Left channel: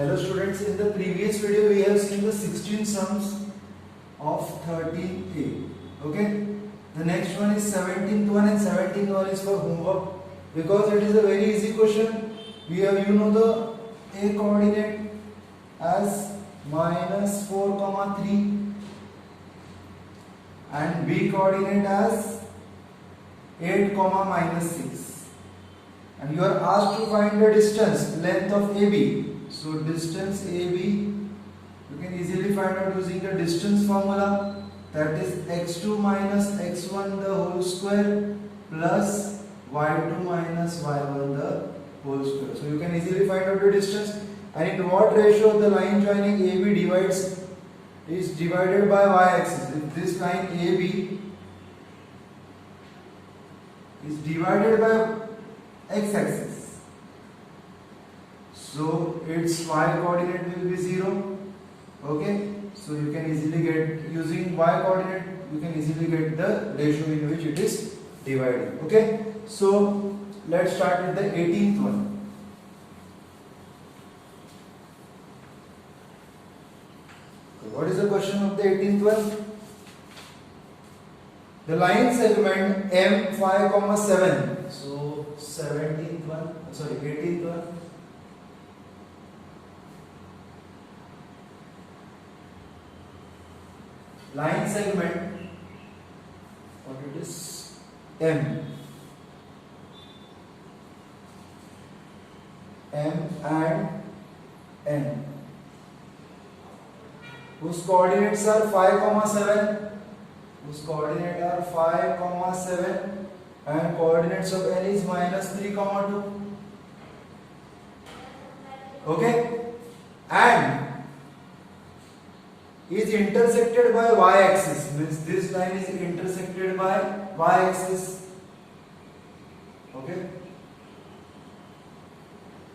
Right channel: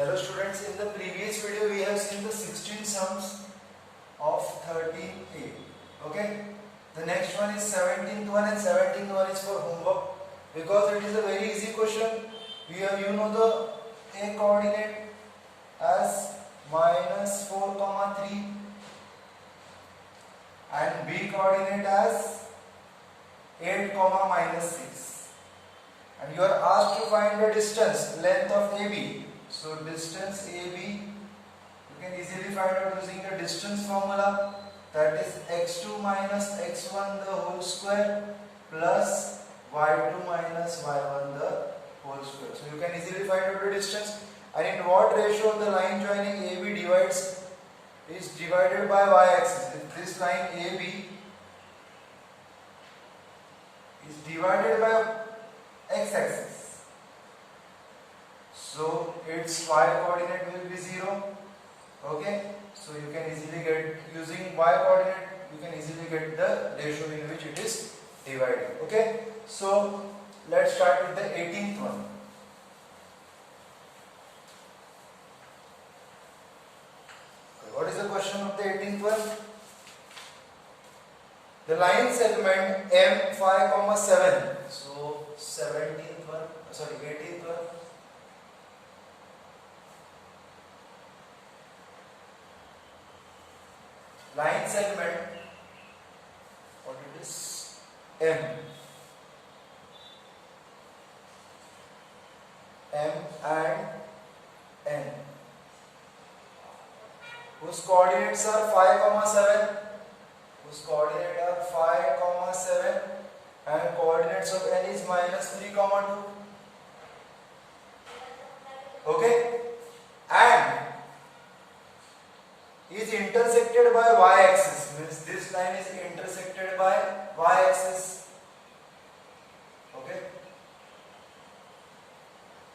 Hello students, in the previous video we have seen the 16 sums of 13a. Okay, the next one is 17th one, and 17th one is for homework because it is a very easy question. We have the a coordinate as -4, 3 and b coordinate as 8, -6, and you are asked to find the distance, length of AB. So distance AB you can easily find out using the distance formula, that is x2 minus x1 the whole square plus y2 minus y1 the whole square. So you can easily find out the distance. And in what ratio the line joining AB is divided by y-axis? If this line AB is divided by x-axis, so its y coordinate will be 0. Okay, so you can easily get, using y coordinate you can easily get the ratio in which it is divided. Okay, so let's start with the 18th one. What is the question of the 18th one? The line segment M5, 7. So 18th one. Line segment, what it is, M and N, whose coordinates are 5, 7, and coordinates of N is -3, 2. Okay, and is intersected by y-axis, means this line is intersected by y-axis. Okay,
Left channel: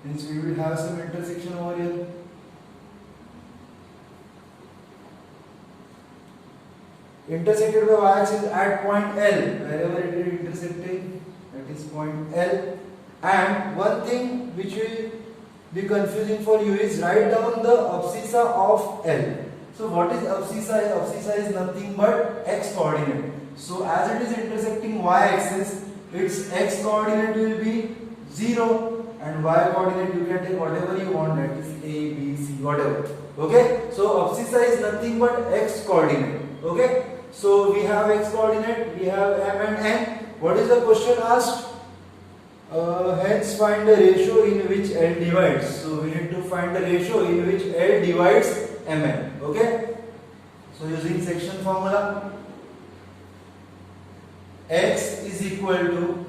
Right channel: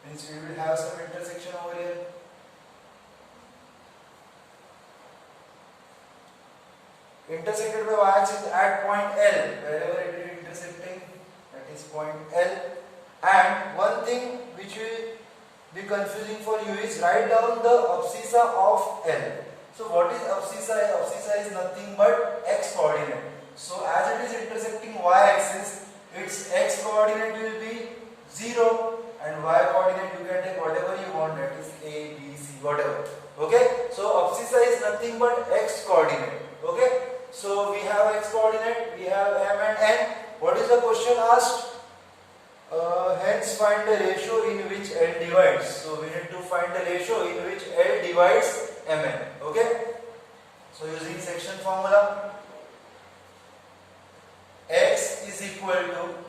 means we will have some intersection over here. Intersected by y-axis at point L, wherever it is intersecting, that is point L. And one thing which will be confusing for you is write down the abscissa of L. So what is abscissa? Abscissa is nothing but x coordinate. So as it is intersecting y-axis, its x coordinate will be 0 and y coordinate you can take whatever you want, that is A, B, C, whatever. Okay, so abscissa is nothing but x coordinate. Okay, so we have x coordinate, we have M and N. What is the question asked? Hence find the ratio in which L divides. So we need to find the ratio in which L divides Mn. Okay, so using section formula, x is equal to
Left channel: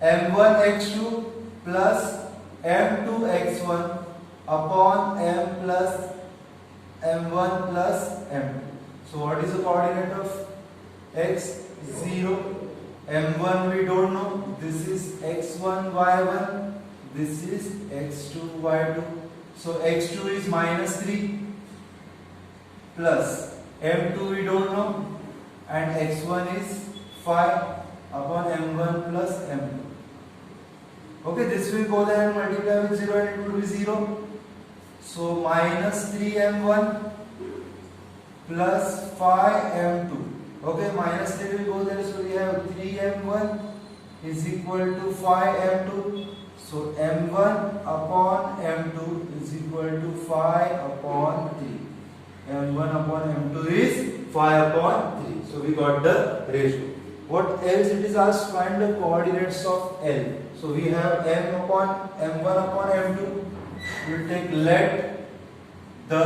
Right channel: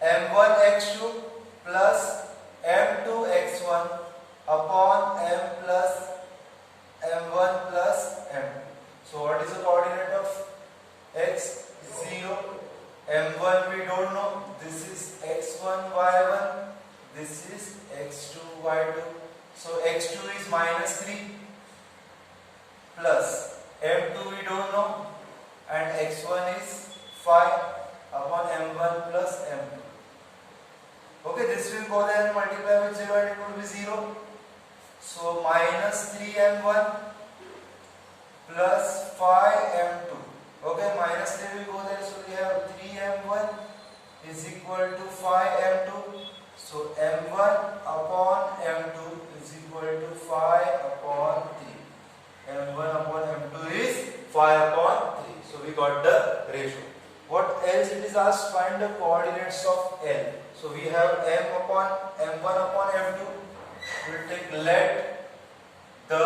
m1 x2 plus m2 x1 upon m plus m1 plus m2. So what is the coordinate of x? 0. m1 we don't know, this is x1 y1, this is x2 y2. So x2 is -3 plus m2 we don't know, and x1 is 5 upon m1 plus m2. Okay, this will go there and multiply with 0 and it would be 0. So -3m1 plus 5m2. Okay, -3 will go there, so we have 3m1 is equal to 5m2. So m1 upon m2 is equal to 5 upon 3. m1 upon m2 is 5 upon 3. So we got the ratio. What else it is asked? Find the coordinates of L. So we have m1 upon m2. We will take, let the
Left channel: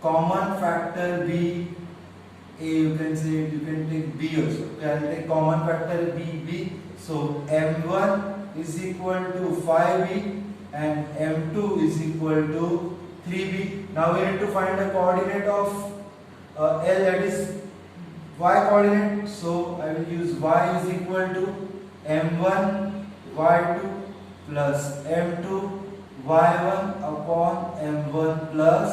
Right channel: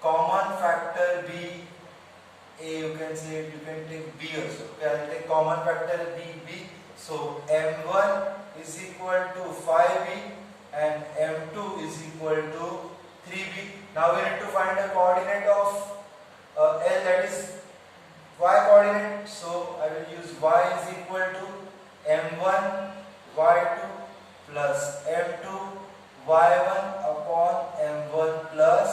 common factor be A, you can take B also. Okay, I will take common factor B. So m1 is equal to 5b and m2 is equal to 3b. Now we need to find the coordinate of L, that is y coordinate. So I will use y is equal to m1 y2 plus m2 y1 upon m1 plus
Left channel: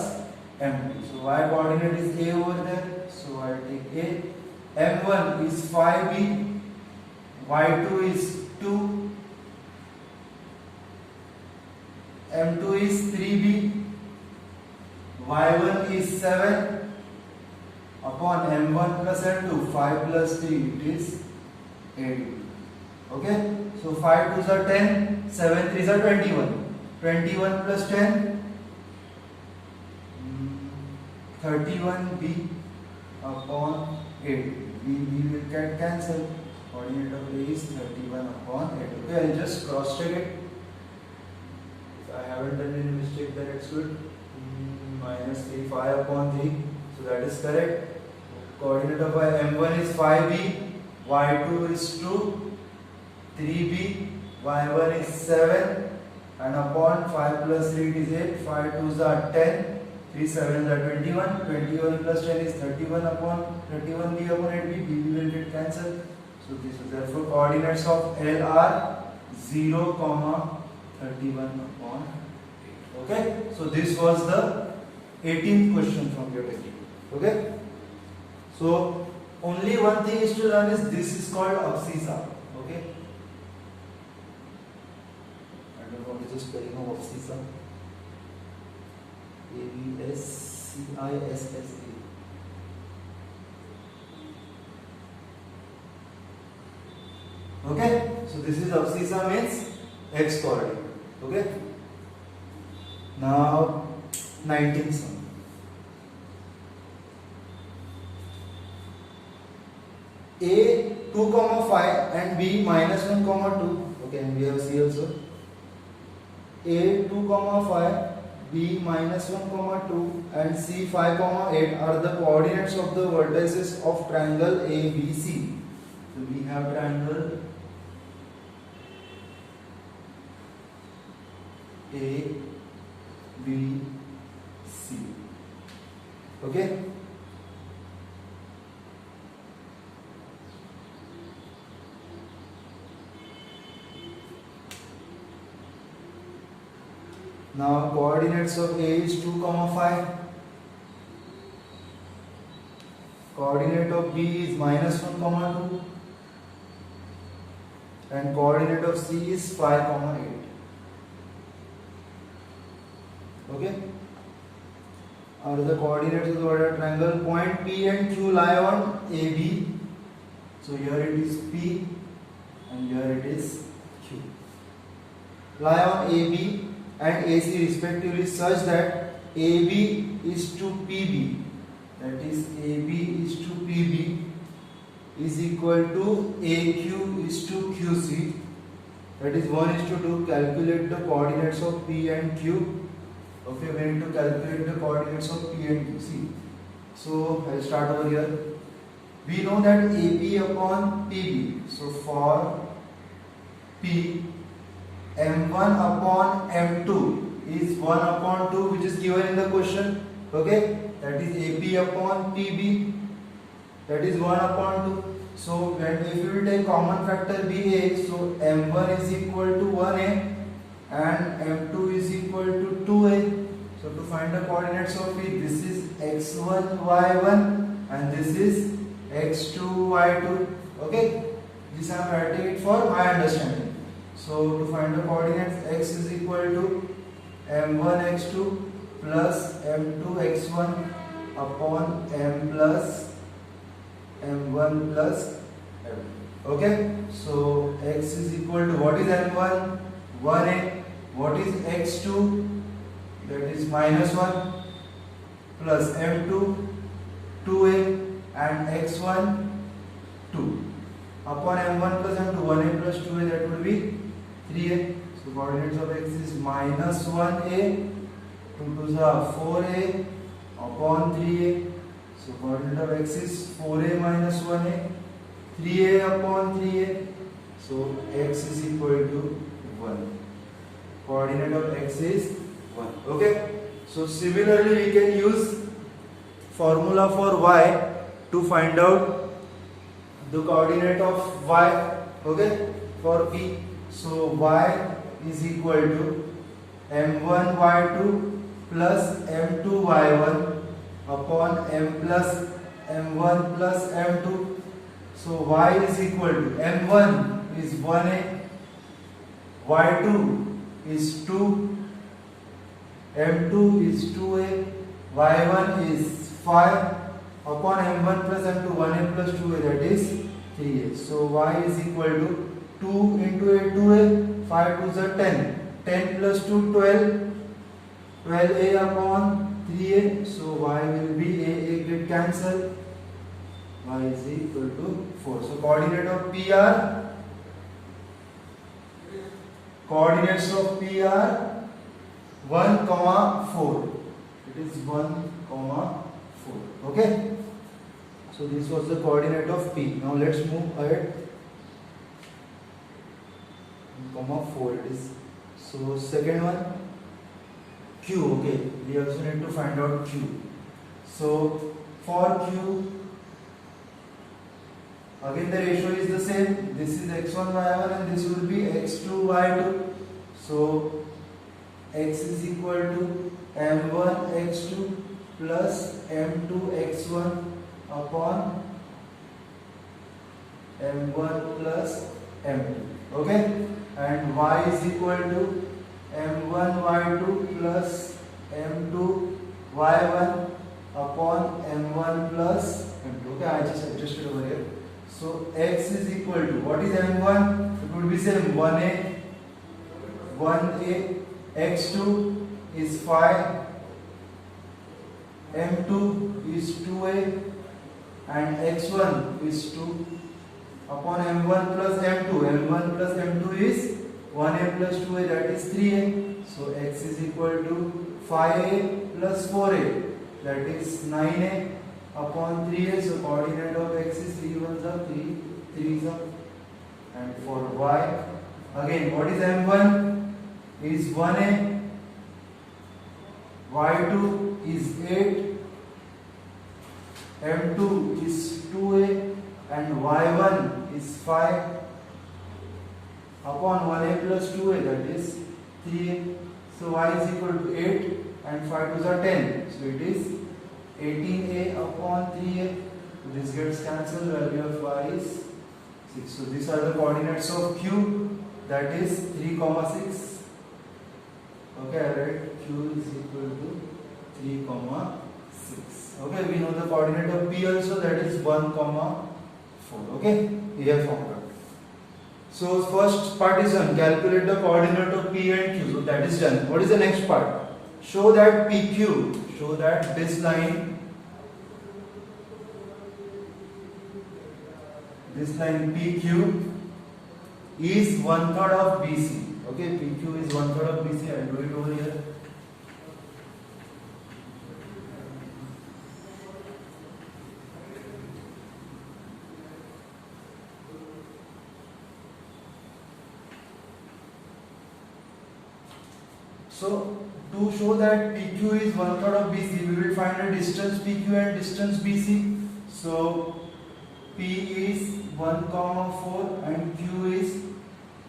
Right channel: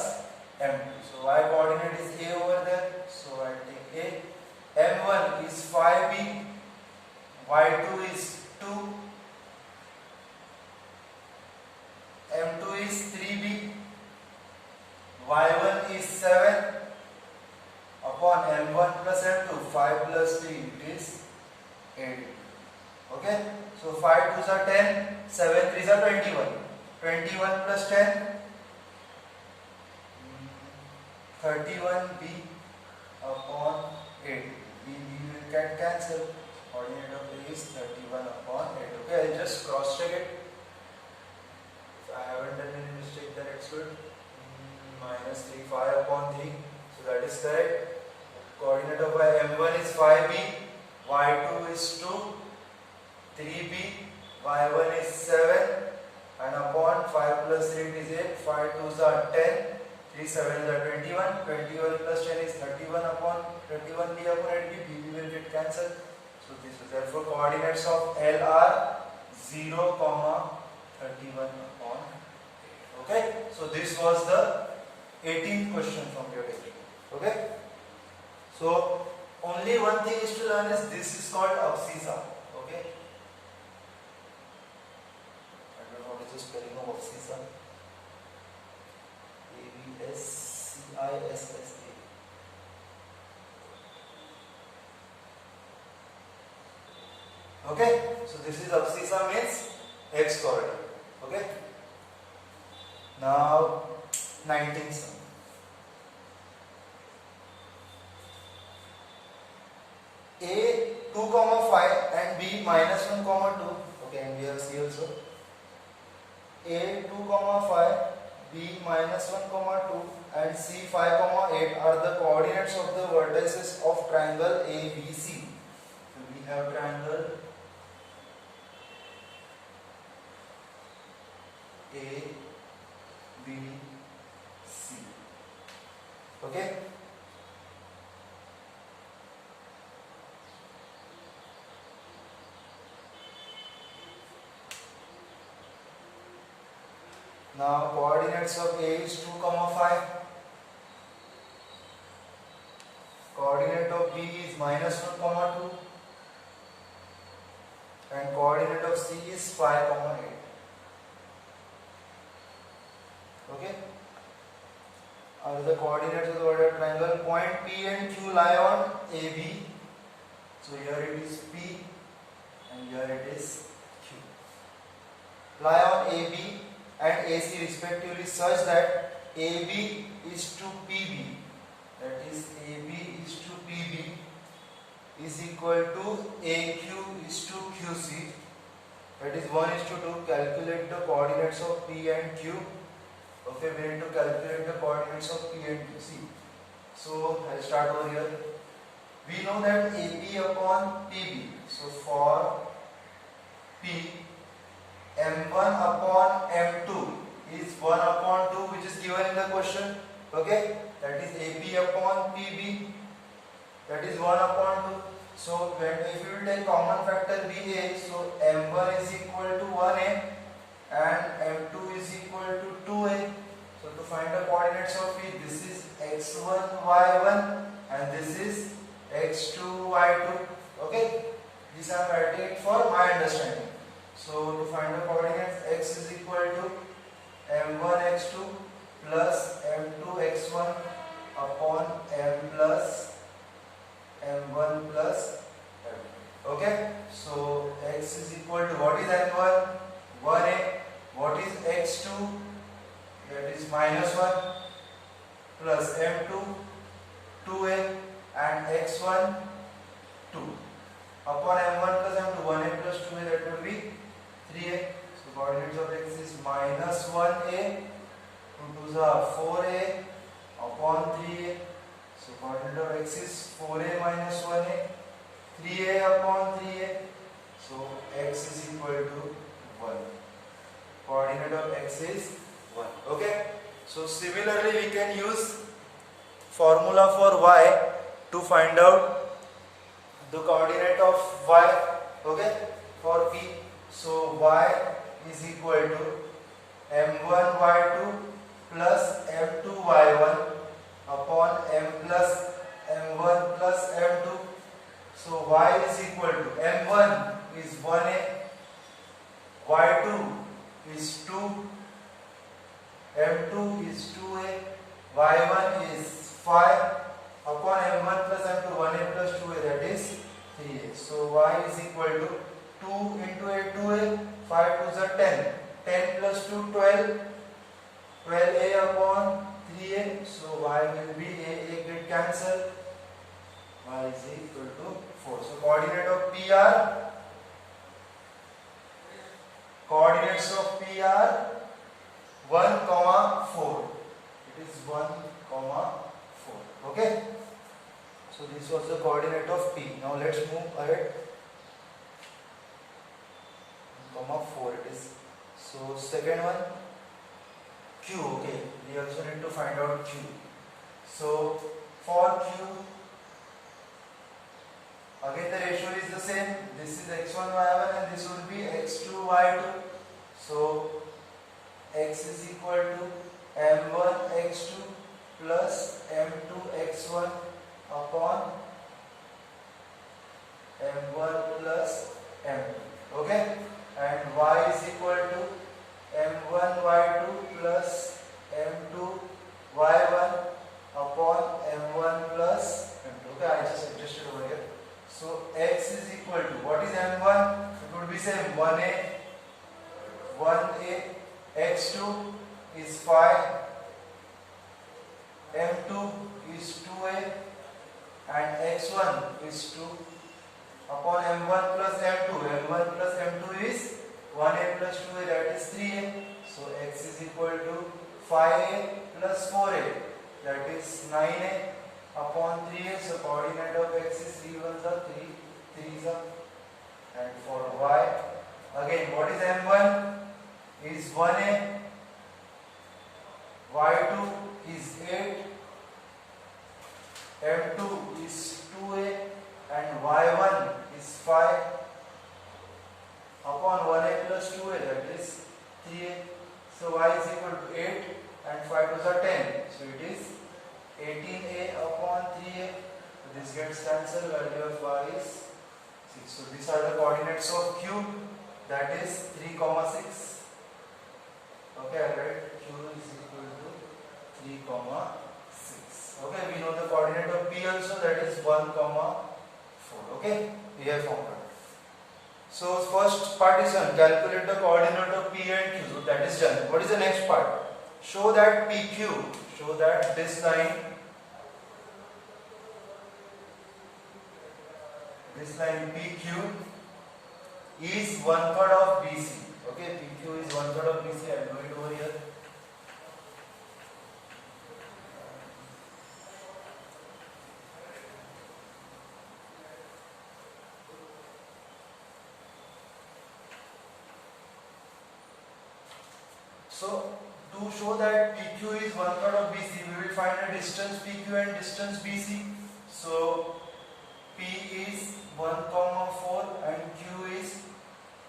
m2. So y coordinate is A over there, so I take A. m1 is 5b, y2 is 2, m2 is 3b y1 is 7 upon m1 plus m2, 5 plus 3, it is 8. Okay, so 5 2s are 10, 7 3s are 21. 21 plus 10, 31b upon 8. B will get cancelled. Coordinate of A is 31 upon 8. Okay, I'll just cross check it. If I haven't done any mistake, then it's good. Minus 3, 5 upon 3. So that is correct. Coordinate of m1 is 5b, y2 is 2, 3b, y1 is 7, and upon 5 plus 3 is 8, 5 2s are 10, 3 7s are 21, 21 plus 10 is 31 upon 31b upon 8b, b will get cancelled. So this is therefore coordinates of L are 0, 31 upon 8. Okay, so this was the 18th question from your technique. Okay, so only one thing is to learn is this is called abscissa. Okay, I don't know what is the spelling of abscissa. ABSCISSA. Okay, so this is abscissa means x coordinate. Okay, now 19th sum. A 2, 5 and B minus 1, 2. Okay, and we have C also. A 2, 5, B minus 1, 2 and C 5, 8 are the coordinates of the vertices of triangle ABC. So we have triangle A, B, C. Okay. Now coordinates of A is 2, 5. Coordinate of B is minus 1, 2. And coordinate of C is 5, 8. Okay. Are the coordinates of the vertical triangle. Point P and Q lie on AB. So here it is P and here it is Q. Lie on AB and AC respectively such that AB is to PB, that is AB is to PB is equal to AQ is to QC, that is 1:2. Calculate the coordinates of P and Q. Okay, we need to calculate the coordinates of P and Q. See, so I'll start over here. We know that AB upon PB. So for P, M1 upon M2 is 1 upon 2, which is given in the question. Okay, that is AB upon PB, that is 1 upon 2. So when if you will take common factor BA, so M1 is equal to 1A and M2 is equal to 2A. So to find the coordinates of it, this is x1 y1 and this is x2 y2. Okay, this I am writing it for my understanding. So to find the coordinates, x is equal to m1 x2 plus m2 x1 upon m plus m1 plus m2. Okay, so x is equal to, what is m1? 1a. What is x2? That is minus 1 plus m2 2a and x1 2 upon m1 plus m2, 1a plus 2a, that will be 3a. So coordinates of x is minus 1a, 2 2s are 4a upon 3a. So coordinate of x is 4a minus 1a, 3a upon 3a. So x is equal to 1. Coordinate of x is 1. Okay. So similarly we can use formula for y to find out the coordinate of y. Okay, for P. So y is equal to m1 y2 plus m2 y1 upon m plus m1 plus m2. So y is equal to m1 is 1a, y2 is 2, m2 is 2a y1 is 5 upon m1 plus m2, 1a plus 2a, that is 3a. So y is equal to 2 into a, 2a, 5 2s are 10, 10 plus 2 12, 12a upon 3a. So y will be a get cancel, y is equal to 4. So coordinate of P are, coordinates of P are 1, 4. It is 1, 4. Okay. So this was the coordinate of P. Now let's move ahead. 1, 4 it is. So second one, Q. Okay. We also need to find out Q. So for Q, again the ratio is the same. This is x1 y1 and this would be x2 y2. So x is equal to m1 x2 plus m2 x1 upon m1 plus m2. Okay, and y is equal to m1 y2 plus m2 y1 upon m1 plus m2. Okay, I just adjusted over here. So x is equal to, what is m1? It would be same, 1a, x2 is 5, m2 is 2a, and x1 is 2 upon m1 plus m2. m1 plus m2 is 1a plus 2a, that is 3a. So x is equal to 5a plus 4a, that is 9a upon 3a. So coordinate of x is 3 1s are 3, 3s are. And for y, again what is m1? Is 1a, y2 is 8, m2 is 2a, and y1 is 5 upon 1a plus 2a, that is 3a. So y is equal to 8 and 5 2s are 10. So it is 18a upon 3a. So this gets cancelled, value of y is 6. So these are the coordinates of Q, that is 3, 6. Okay, I write Q is equal to 3, 6. Okay, we know the coordinate of P also, that is 1, 4. Okay, we have found out. So first part is done. Calculate the coordinate of P and Q. So that is done. What is the next part? Show that PQ. Show that this line PQ is 1/3 of BC. Okay, PQ is 1/3 of BC. I will do it over here. So to show that PQ is 1/3 of BC, we will find the distance PQ and distance BC. So P is 1, 4 and Q is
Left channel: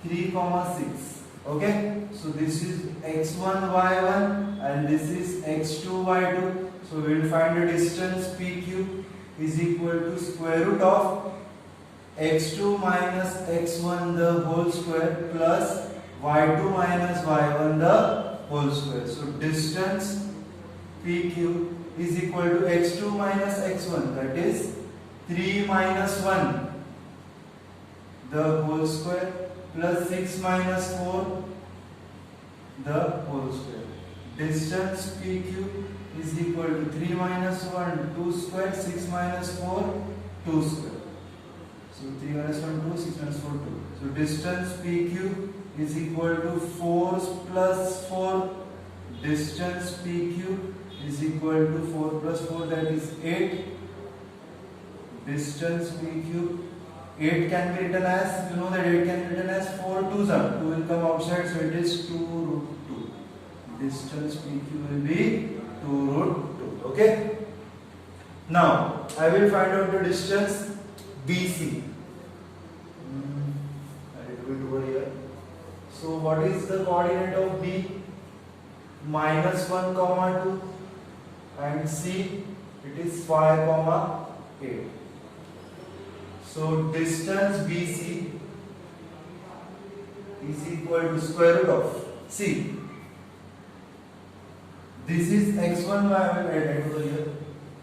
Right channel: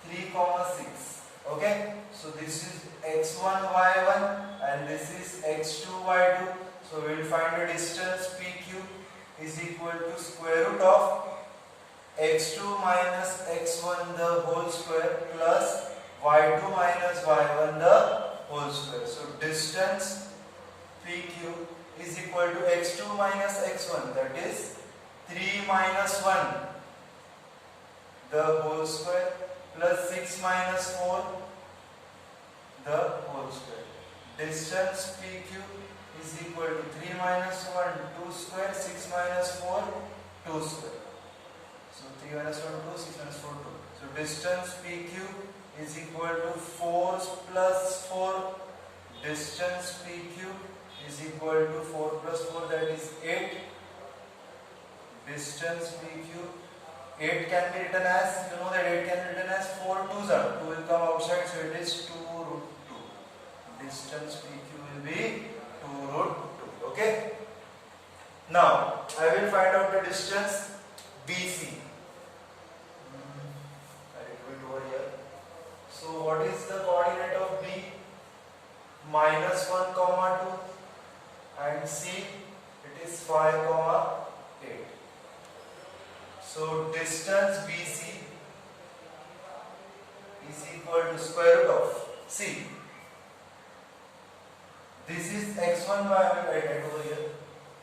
3, 6. Okay, so this is x1 y1 and this is x2 y2. So we will find the distance PQ is equal to square root of x2 minus x1 the whole square plus y2 minus y1 the whole square. So distance PQ is equal to x2 minus x1, that is 3 minus 1 the whole square plus 6 minus 4 the whole square. Distance PQ is equal to 3 minus 1 2 square, 6 minus 4 2 square. So 3 minus 1 2, 6 minus 4 2. So distance PQ is equal to 4 plus 4. Distance PQ is equal to 4 plus 4, that is 8. Distance PQ, 8 can be written as, you know that 8 can be written as 4 2s are. 2 will come outside, so it is 2 root 2. Distance PQ will be 2 root 2. Okay. Now I will find out the distance BC. I will do it over here. So what is the coordinate of B? -1, 2 and C it is 5, 8. So distance BC is equal to square root of, see, this is x1 y I will write over here.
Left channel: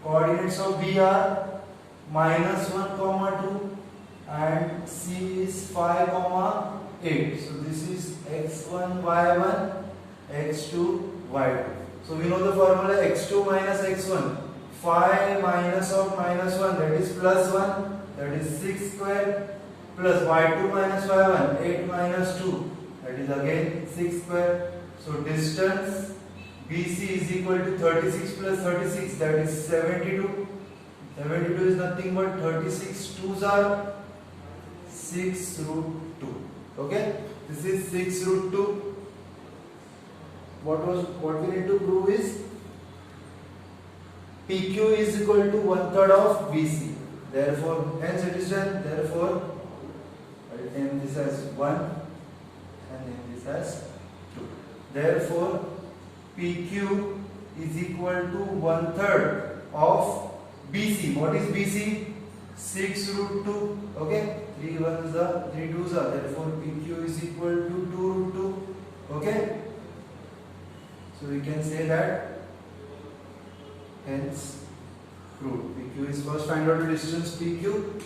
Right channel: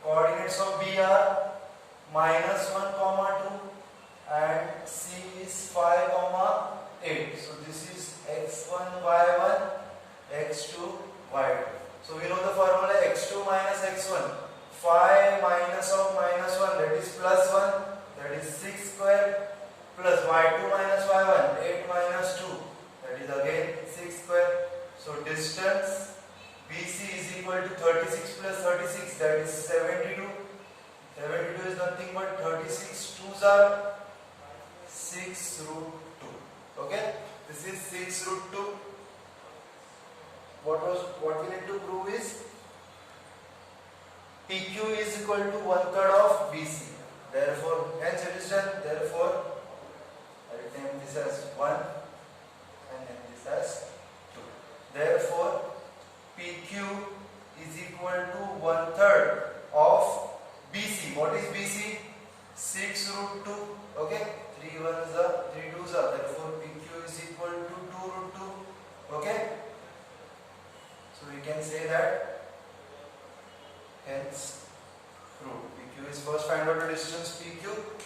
Coordinates of B are -1, 2 and C is 5, 8. So this is x1 y1 x2 y2. So we know the formula x2 minus x1. 5 minus of -1, that is +1, that is 6 square, plus y2 minus y1, 8 minus 2, that is again 6 square. So distance BC is equal to 36 plus 36, that is 72. 72 is nothing but 36 2s are 6 root 2. Okay, this is 6 root 2. What we need to prove is PQ is equal to 1/3 of BC. Therefore, hence it is done. Therefore, I will name this as 1 and name this as 2. Therefore, PQ is equal to 1/3 of BC. What is BC? 6 root 2. Okay, 3 1s are 3 2s are. Therefore, PQ is equal to 2 root 2. Okay, so we can say that. Hence, prove PQ is first find out the distance PQ,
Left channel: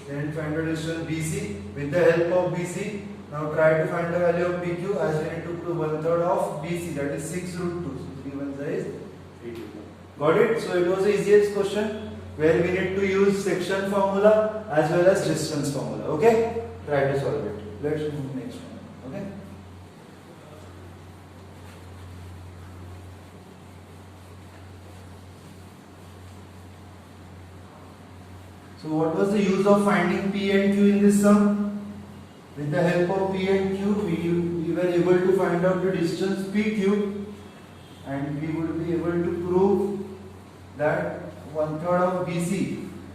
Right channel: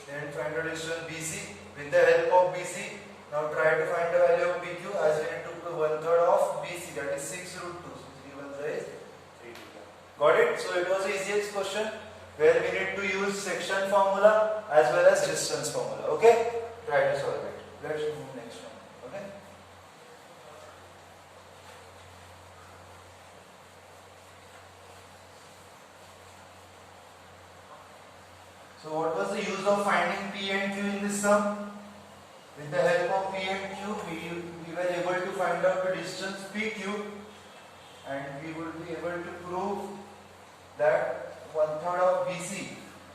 then find out distance BC with the help of BC. Now try to find the value of PQ as we need to prove 1/3 of BC, that is 6 root 2. So 3 1s is 3 2. Got it? So it was the easiest question where we need to use section formula as well as distance formula. Okay? Try to solve it. Let's move next one. Okay? So what was the use of finding P and Q in this sum? With the help of P and Q, we were able to find out the distance PQ, and we would be able to prove that 1/3 of BC,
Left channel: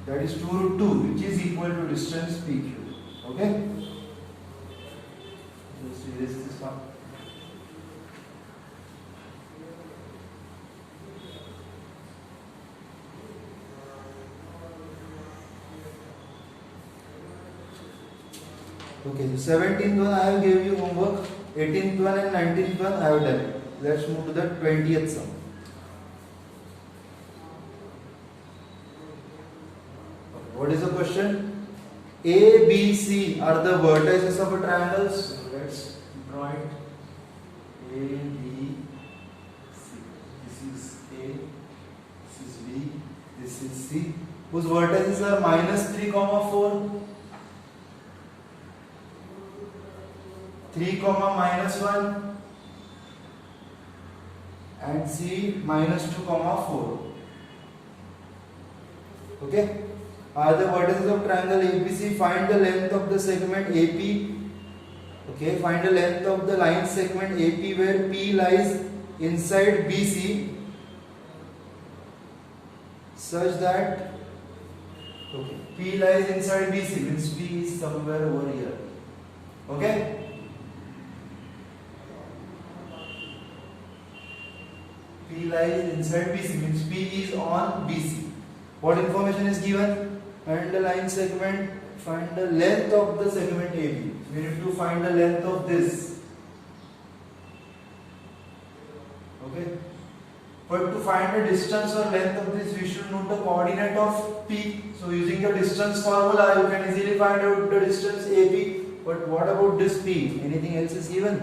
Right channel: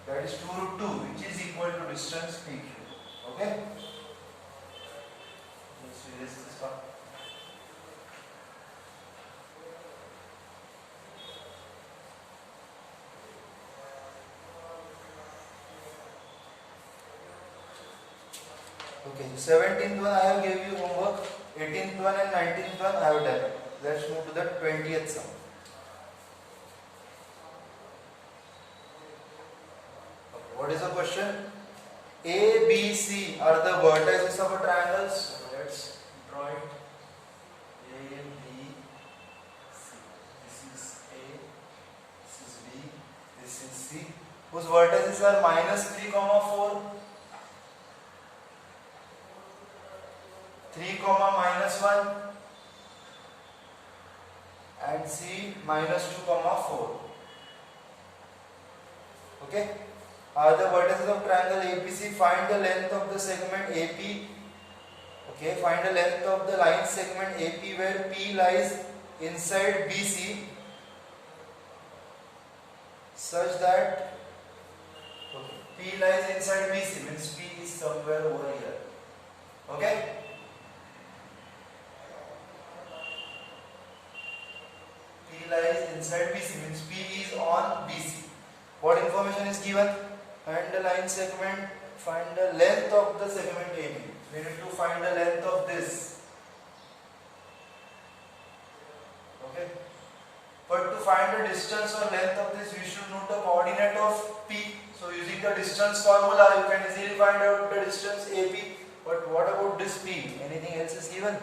that is 2 root 2, which is equal to distance PQ. Okay? Let's erase this one. Okay, 17th one I have gave you homework, 18th one and 19th one I have done. Let's move to the 20th sum. What is the question? A, B, C are the vertices of a triangle. So let's draw it. A, B, C. This is A, this is B, this is C. Whose vertices are -3, 4. 3, -1 and C -2, 4. Okay, are the vertices of triangle ABC. Find the length of the segment AP. Okay, find the length of the line segment AP where P lies inside BC such that P lies inside BC means P is somewhere over here. Okay, P lies inside BC means P is on BC. What information is given? Find the line segment, find the length of the segment AB. We need to find the length of this. Okay, but to find the distance or length of this, we should know the coordinate of P. So using the distance formula, you can easily find out the distance AB. But what about this P? Anything else is given?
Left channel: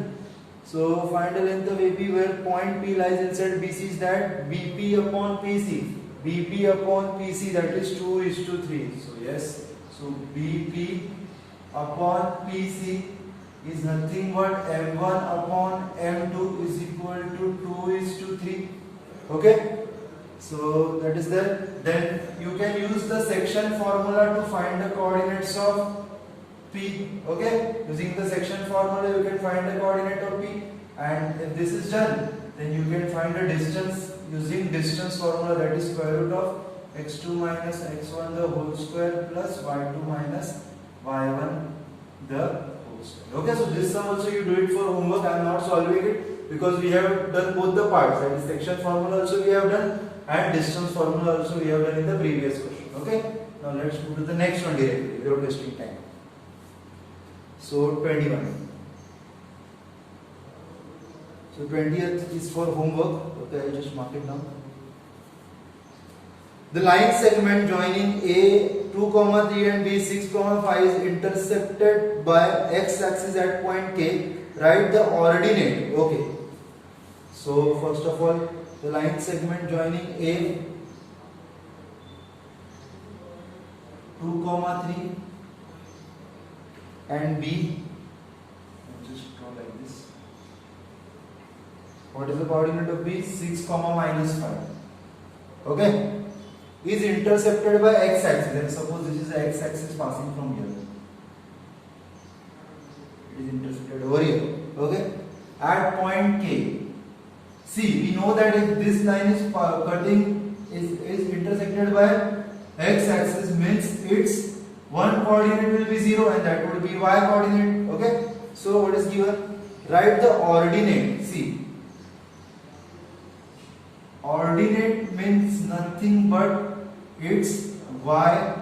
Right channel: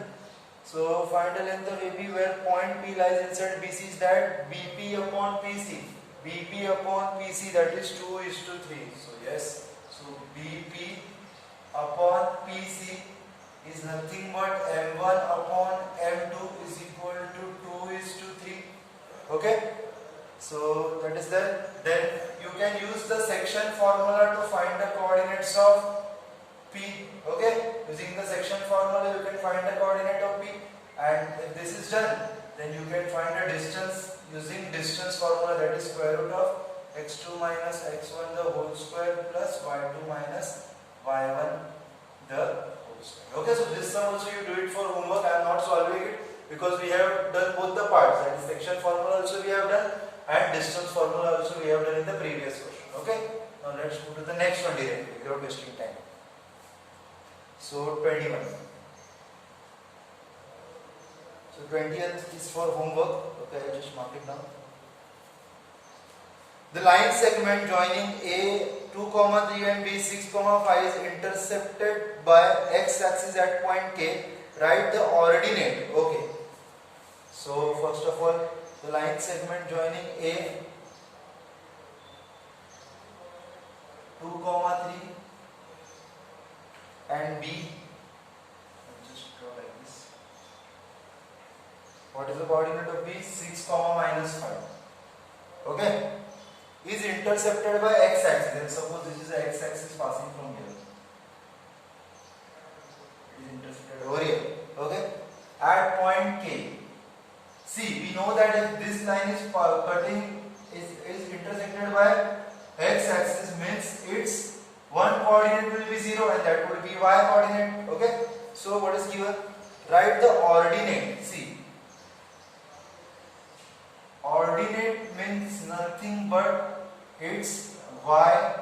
So find the length of AP where point P lies inside BC is that BP upon PC. BP upon PC, that is 2:3. So yes, so BP upon PC is nothing but M1 upon M2 is equal to 2:3. Okay, so that is there. Then you can use the section formula to find the coordinates of P. Okay, using the section formula you can find the coordinate of P, and if this is done, then you can find the distance using distance formula, that is square root of x2 minus x1 the whole square plus y2 minus y1 the whole square. Okay, so this sum also you do it for homework. I am not solving it because we have done both the parts, that is section formula also we have done and distance formula also we have done in the previous question. Okay, now let's move to the next one directly without wasting time. So 21. So 20th is for homework. Okay, I'll just mark it down. The line segment joining A 2, 3 and B 6, 5 is intercepted by x-axis at point K. Write the ordinate. Okay. So first of all, the line segment joining A 2, 3 and B. I'll just draw like this. What is the coordinate of B? 6, -5. Okay. Is intercepted by x-axis. Then suppose this is the x-axis passing from here. It is intercepted over here. Okay. At point K. See, we know that if this line is cutting is intersected by x-axis, means its one coordinate will be 0 and that would be y coordinate. Okay. So what is given? Write the ordinate. See. Ordinate means nothing but its y.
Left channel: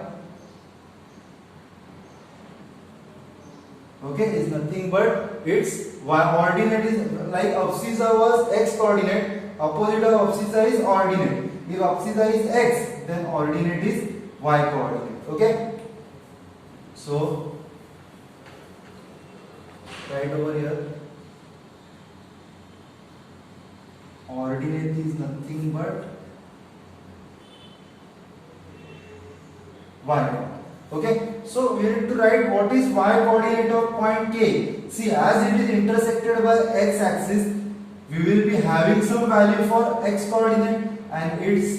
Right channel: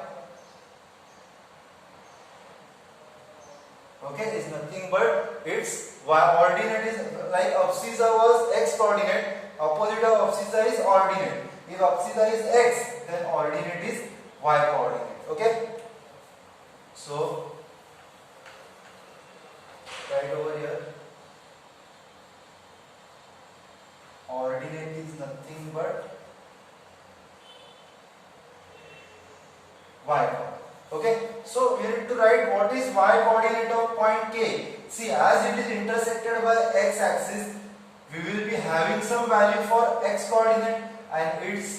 Okay, is nothing but its y. Ordinate is like abscissa was x coordinate. Opposite of abscissa is ordinate. If abscissa is x, then ordinate is y coordinate. Okay. So right over here, ordinate is nothing but y. Okay, so we need to write what is y coordinate of point K. See, as it is intersected by x axis, we will be having some value for x coordinate and its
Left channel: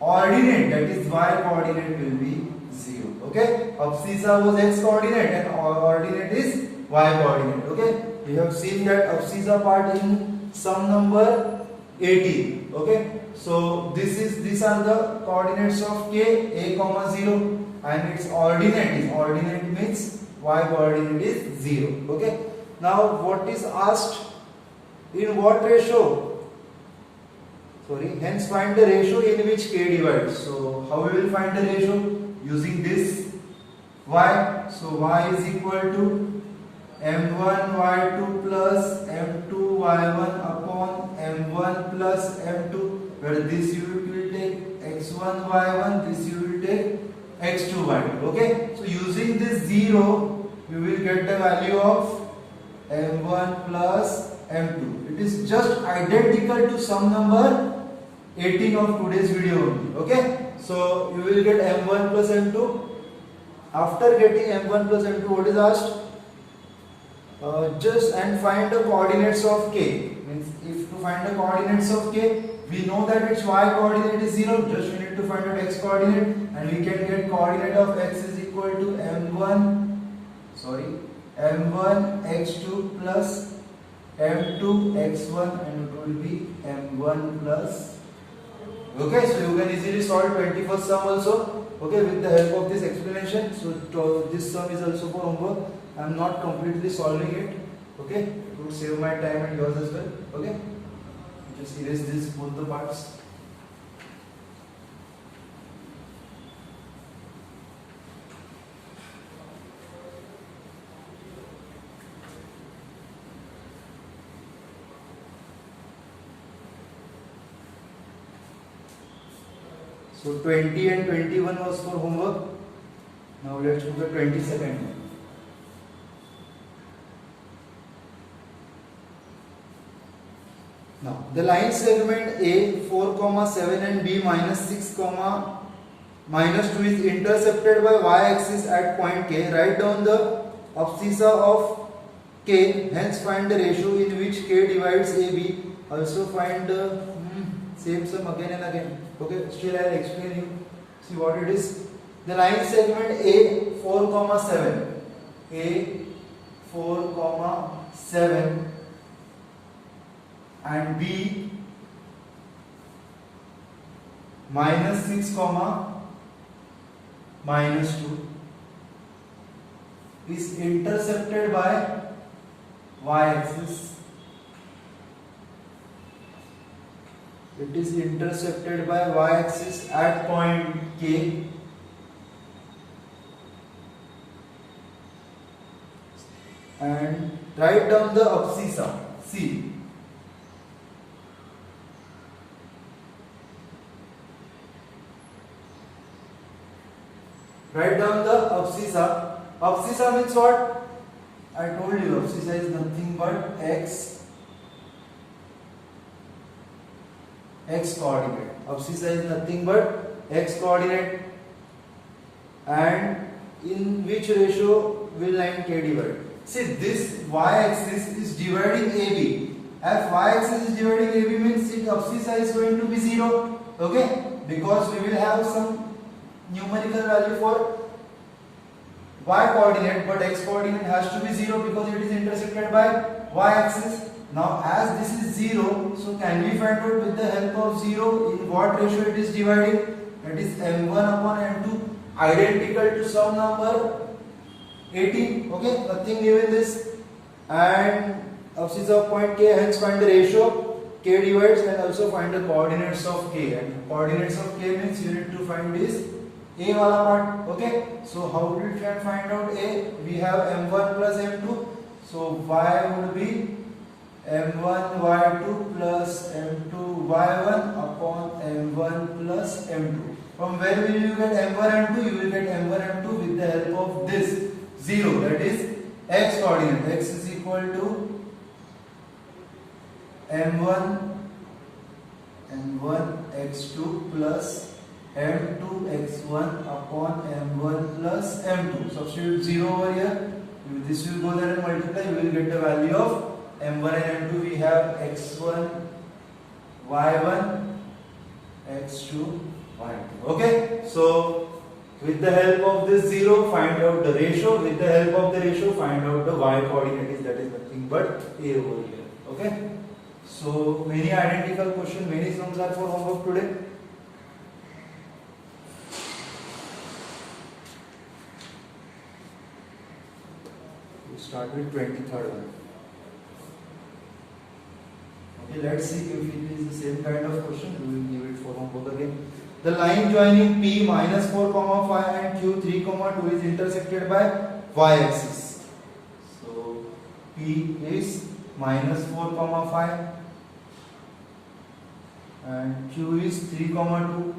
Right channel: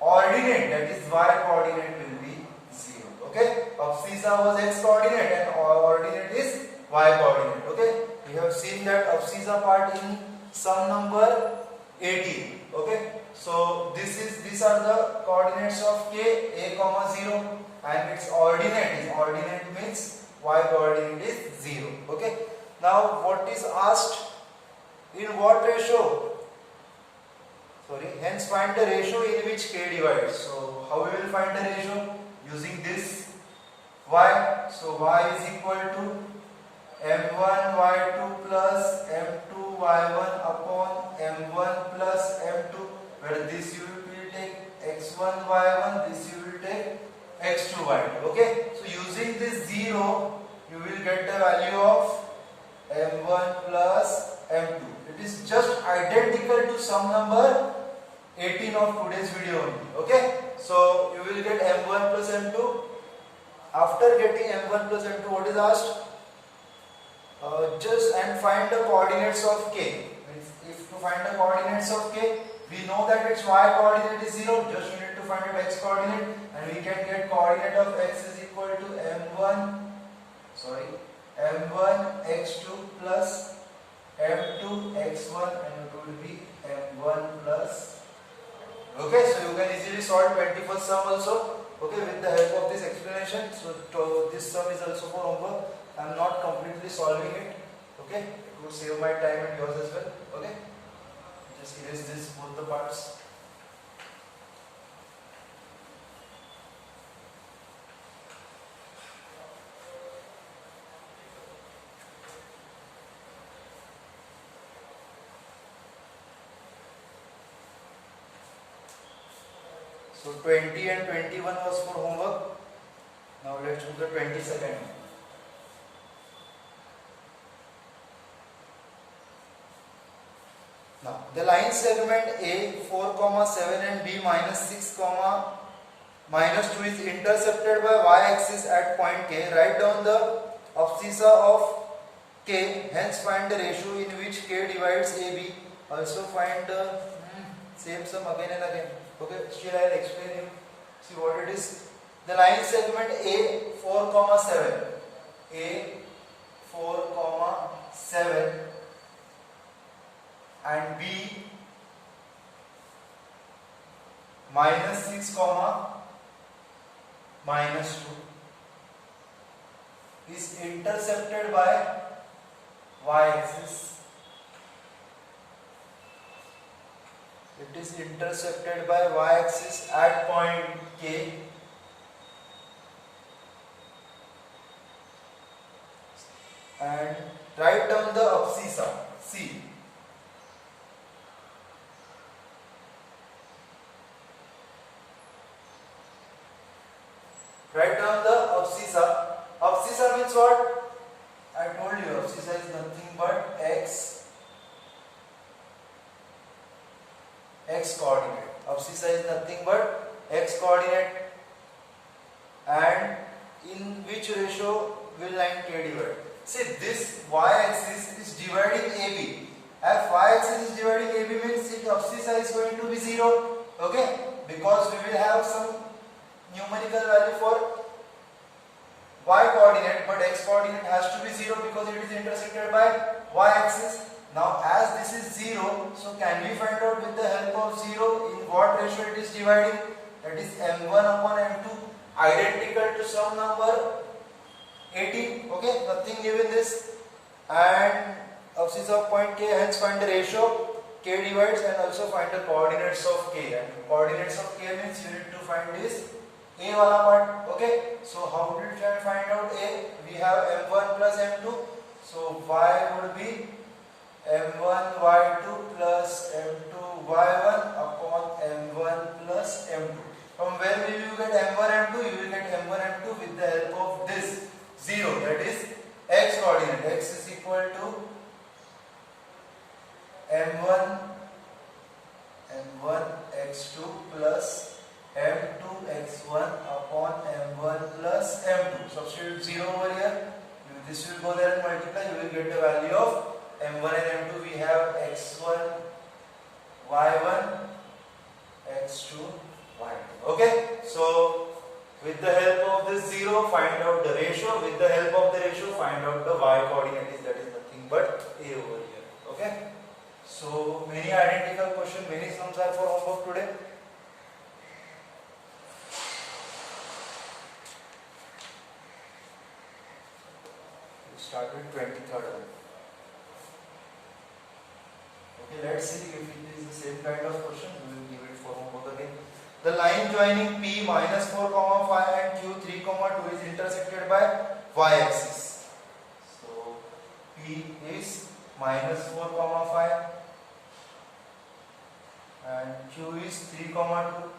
ordinate, that is y coordinate, will be 0. Okay, abscissa was x coordinate and ordinate is y coordinate. Okay, we have seen that abscissa part in sum number 18. Okay, so these are the coordinates of K, a, 0, and its ordinate means y coordinate is 0. Okay, now what is asked? In what ratio? Sorry, hence find the ratio in which K divides. So how we will find the ratio? Using this y. So y is equal to m1 y2 plus m2 y1 upon m1 plus m2, where this unit will take x1 y1, this you will take x2 y2. Okay, so using this 0, you will get the value of m1 plus m2. It is just identical to sum number 18 of today's video only. Okay, so you will get m1 plus m2. After getting m1 plus m2, what is asked? Just and find the coordinates of K. Means if to find the coordinates of K, we know that its y coordinate is 0. Just we need to find out x coordinate, and we can get coordinate of x is equal to m1 x2 plus m2 x1, and it will be m1 plus. Okay, so you can easily solve 21st sum also. Okay, with the help of this explanation. So this sum is also for homework. I am not completely solving it. Okay, it would save my time and yours as well. Okay, just erase this both the parts. So 20 and 21 was for homework. Now let's do the 22nd. Now the line segment A 4, 7 and B -6, -2 is intercepted by y-axis at point K. Write down the abscissa of K. Hence find the ratio in which K divides AB. Also find the same sum again and again. Okay, still I will explain you. See what it is. The line segment A 4, 7. A 4, 7 and B -6, -2 is intercepted by y-axis. It is intercepted by y-axis at point K. And write down the abscissa. See, Write down the abscissa. Abscissa means what? I told you abscissa is nothing but x coordinate. Abscissa is nothing but x coordinate. And in which ratio will line K divide? See, this y-axis is dividing AB. As y-axis is dividing AB means its abscissa is going to be 0. Okay? Because we will have some numerical value for y coordinate, but x coordinate has to be 0 because it is intersected by y-axis. Now, as this is 0, so can we find out with the help of 0 in what ratio it is dividing? That is m1 upon m2, identical to some number 18. Okay, nothing given this. And abscissa of point K, hence find the ratio. K divides and also find the coordinates of K. And coordinates of K means you need to find this A wala part. Okay, so how did we find out A? We have m1 plus m2. So y would be m1 y2 plus m2 y1 upon m1 plus m2. From where will you get m1 m2? You will get m1 m2 with the help of this 0, that is x coordinate. X is equal to m1 x2 plus m2 x1 upon m1 plus m2. Substitute 0 over here. This will go there and multiply. You will get the value of m1 and m2. We have x1 y1 x2 y2. Okay, so with the help of this 0 find out the ratio. With the help of the ratio find out the y coordinate, that is nothing but A over here. Okay, so many identical questions, many sums are for homework today. We'll start with 23rd one. Okay, let's see if it is the same kind of question. We will give it for homework again. The line joining P minus 4, 5 and Q 3, 2 is intersected by y-axis. So P is minus 4, 5 and Q is 3, 2.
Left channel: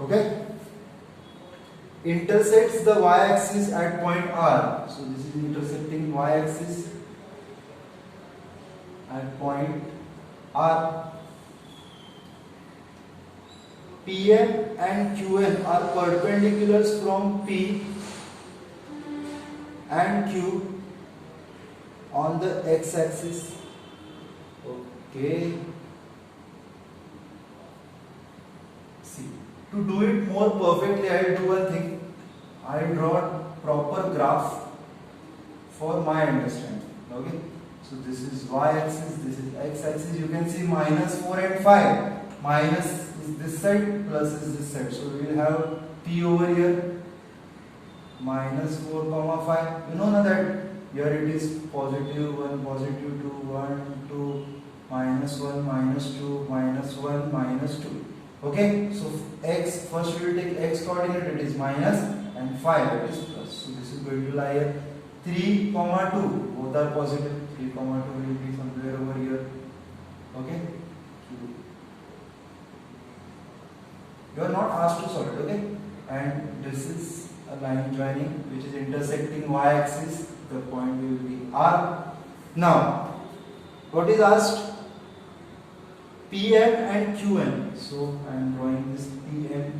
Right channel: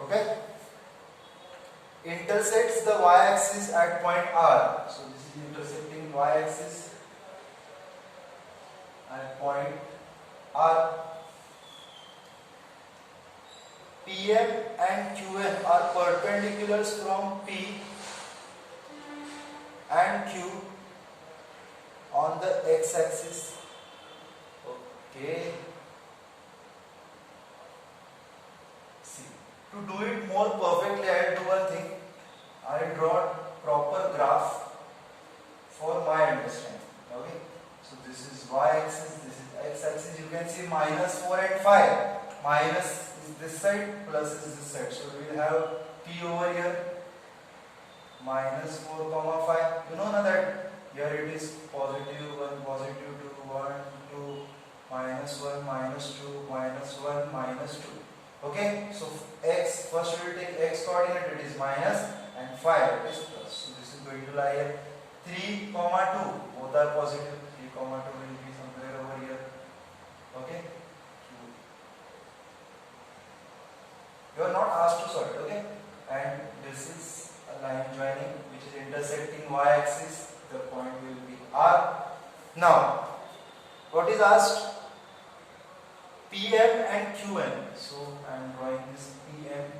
Okay? Intersects the y-axis at point R. So this is intersecting y-axis at point R. Pn and Qn are perpendiculars from P and Q on the x-axis. Okay. See, to do it more perfectly, I will do one thing. I will draw proper graph for my understanding. Okay. So this is y-axis, this is x-axis. You can see minus 4 and 5. Minus is this side, plus is this side. So we will have P over here. Minus 4, 5. You know now that here it is positive 1, positive 2, 1, 2, minus 1, minus 2, minus 1, minus 2. Okay. So x, first we will take x coordinate, it is minus, and 5, it is plus. So this is going to lie here. 3, 2, both are positive. 3, 2 will be somewhere over here. Okay. You are not asked to solve it. Okay. And this is a line joining which is intersecting y-axis. The point will be R. Now, what is asked? Pn and Qn. So I am drawing this Pn.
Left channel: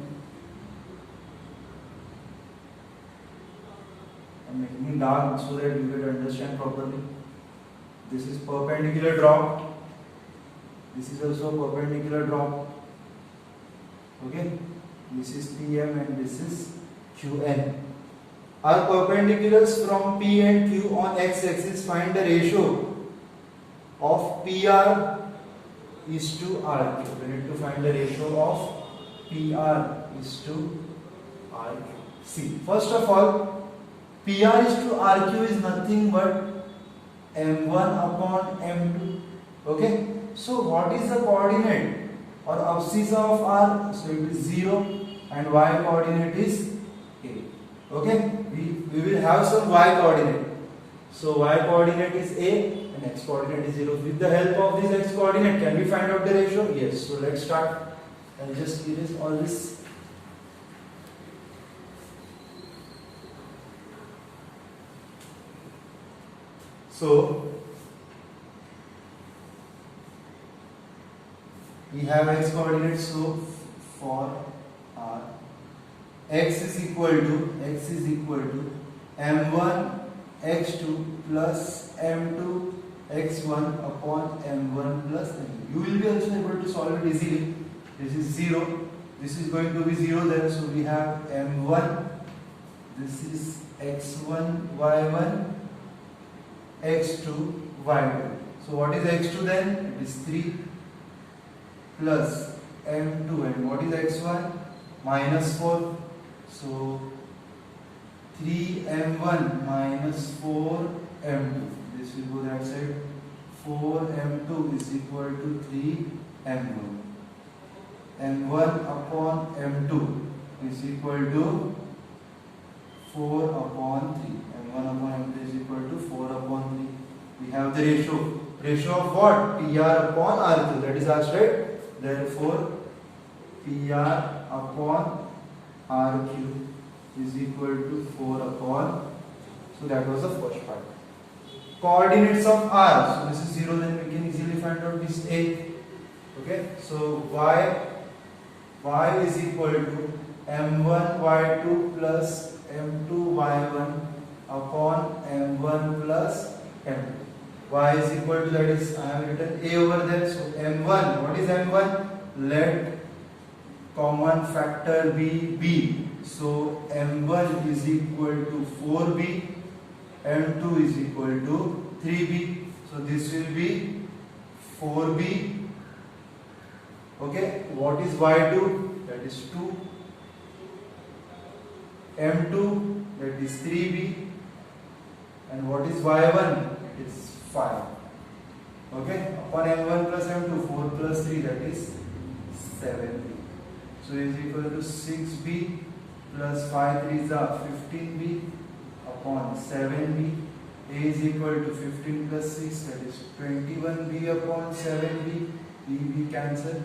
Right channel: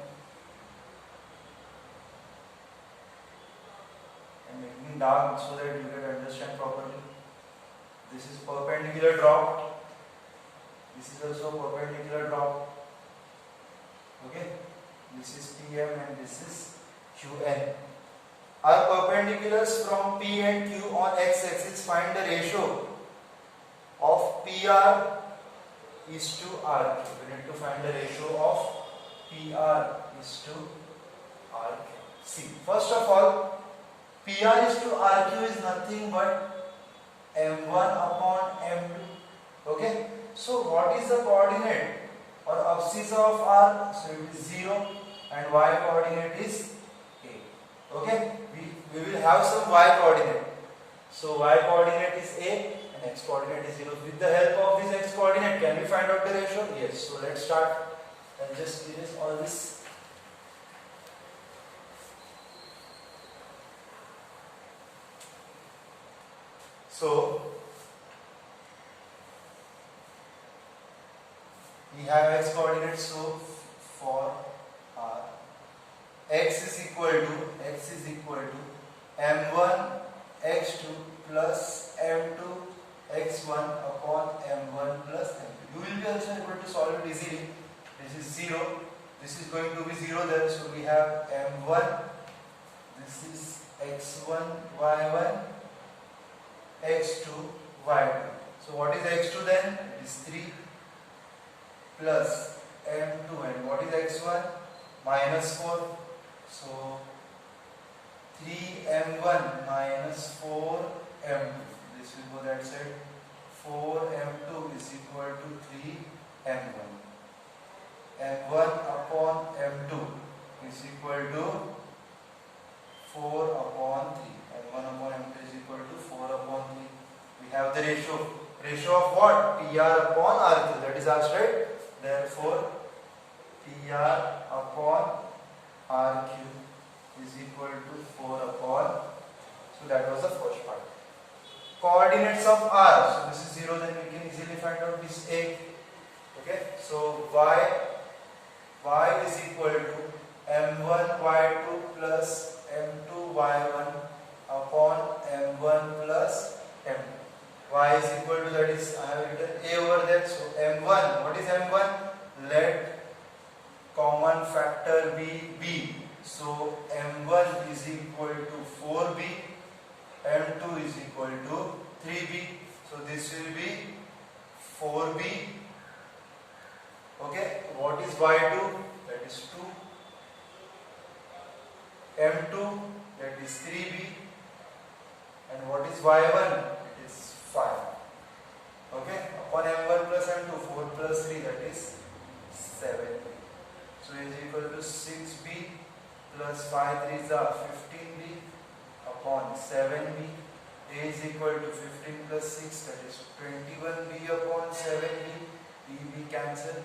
I'm making it dark so that you can understand properly. This is perpendicular drop. This is also perpendicular drop. Okay. This is Pm and this is Qn. Are perpendiculars from P and Q on x-axis. Find the ratio of PR is to RQ. We need to find the ratio of PR is to RQ. See, first of all, PR is to RQ is nothing but M1 upon M2. Okay. So what is the coordinate or abscissa of R? So it is 0 and y coordinate is A. Okay. We will have some y coordinate. So y coordinate is a and x coordinate is 0. With the help of this x coordinate, can we find out the ratio? Yes. So let's start. I'll just erase all this. So we have x coordinates. So for our x is equal to m1 x2 plus m2 x1 upon m1 plus m2. You will be also able to solve it easily. This is 0. This is going to be 0 then. So we have m1. This is x1 y1 x2 y2. So what is x2 then? It is 3 plus m2, and what is x1? Minus 4. So 3m1 minus 4m2. This will go that side. 4m2 is equal to 3m1. m1 upon m2 is equal to 4 upon 3. m1 upon m2 is equal to 4 upon 3. We have the ratio. Ratio of what? PR upon R3. That is asked, right? Therefore, PR upon RQ is equal to 4 upon. So that was the first part. Coordinates of R. So this is 0, then we can easily find out this A. Okay. So y is equal to m1 y2 plus m2 y1 upon m1 plus m2. Y is equal to, that is, I have written A over there. So m1, what is m1? Let common factor be b. So m1 is equal to 4b, m2 is equal to 3b. So this will be 4b. Okay, what is y2? That is 2. m2, that is 3b. And what is y1? It is 5. Okay, upon m1 plus m2, 4 plus 3, that is 7b. So it is equal to 6b plus 5 3s are 15b upon 7b. A is equal to 15 plus 6, that is 21b upon 7b. b cancel.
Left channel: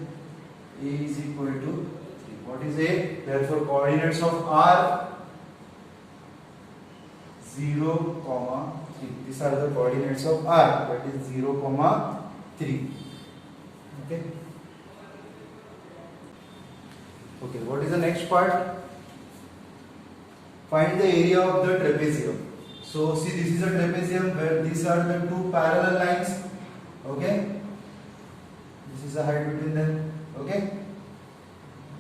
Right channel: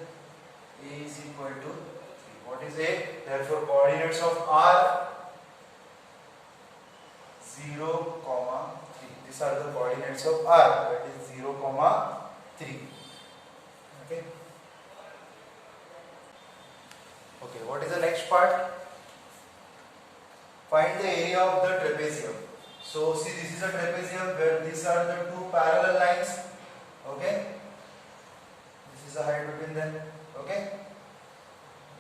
A is equal to 3. What is A? Therefore, coordinates of R 0, 3. These are the coordinates of R. That is 0, 3. Okay. Okay. What is the next part? Find the area of the trapezium. So see, this is a trapezium where these are the two parallel lines. Okay. This is the height between them. Okay.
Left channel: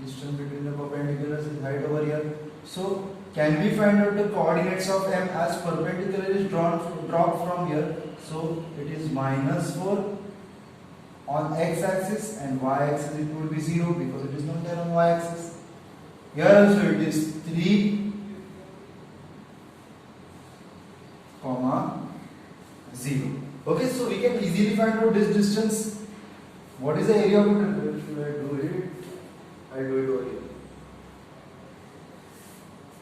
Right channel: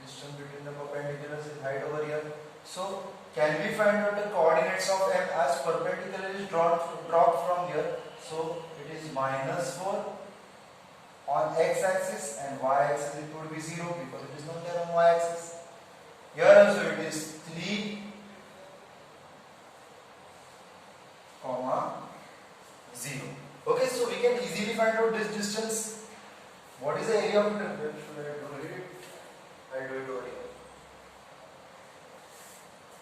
Distance between the perpendiculars is height over here. So can we find out the coordinates of M as perpendicular is dropped from here? So it is minus 4 on x-axis and y-axis it would be 0 because it is not there on y-axis. Here also it is 3, 0. Okay, so we can easily find out this distance. What is the area of the trapezium? Should I do it? I'll do it over here.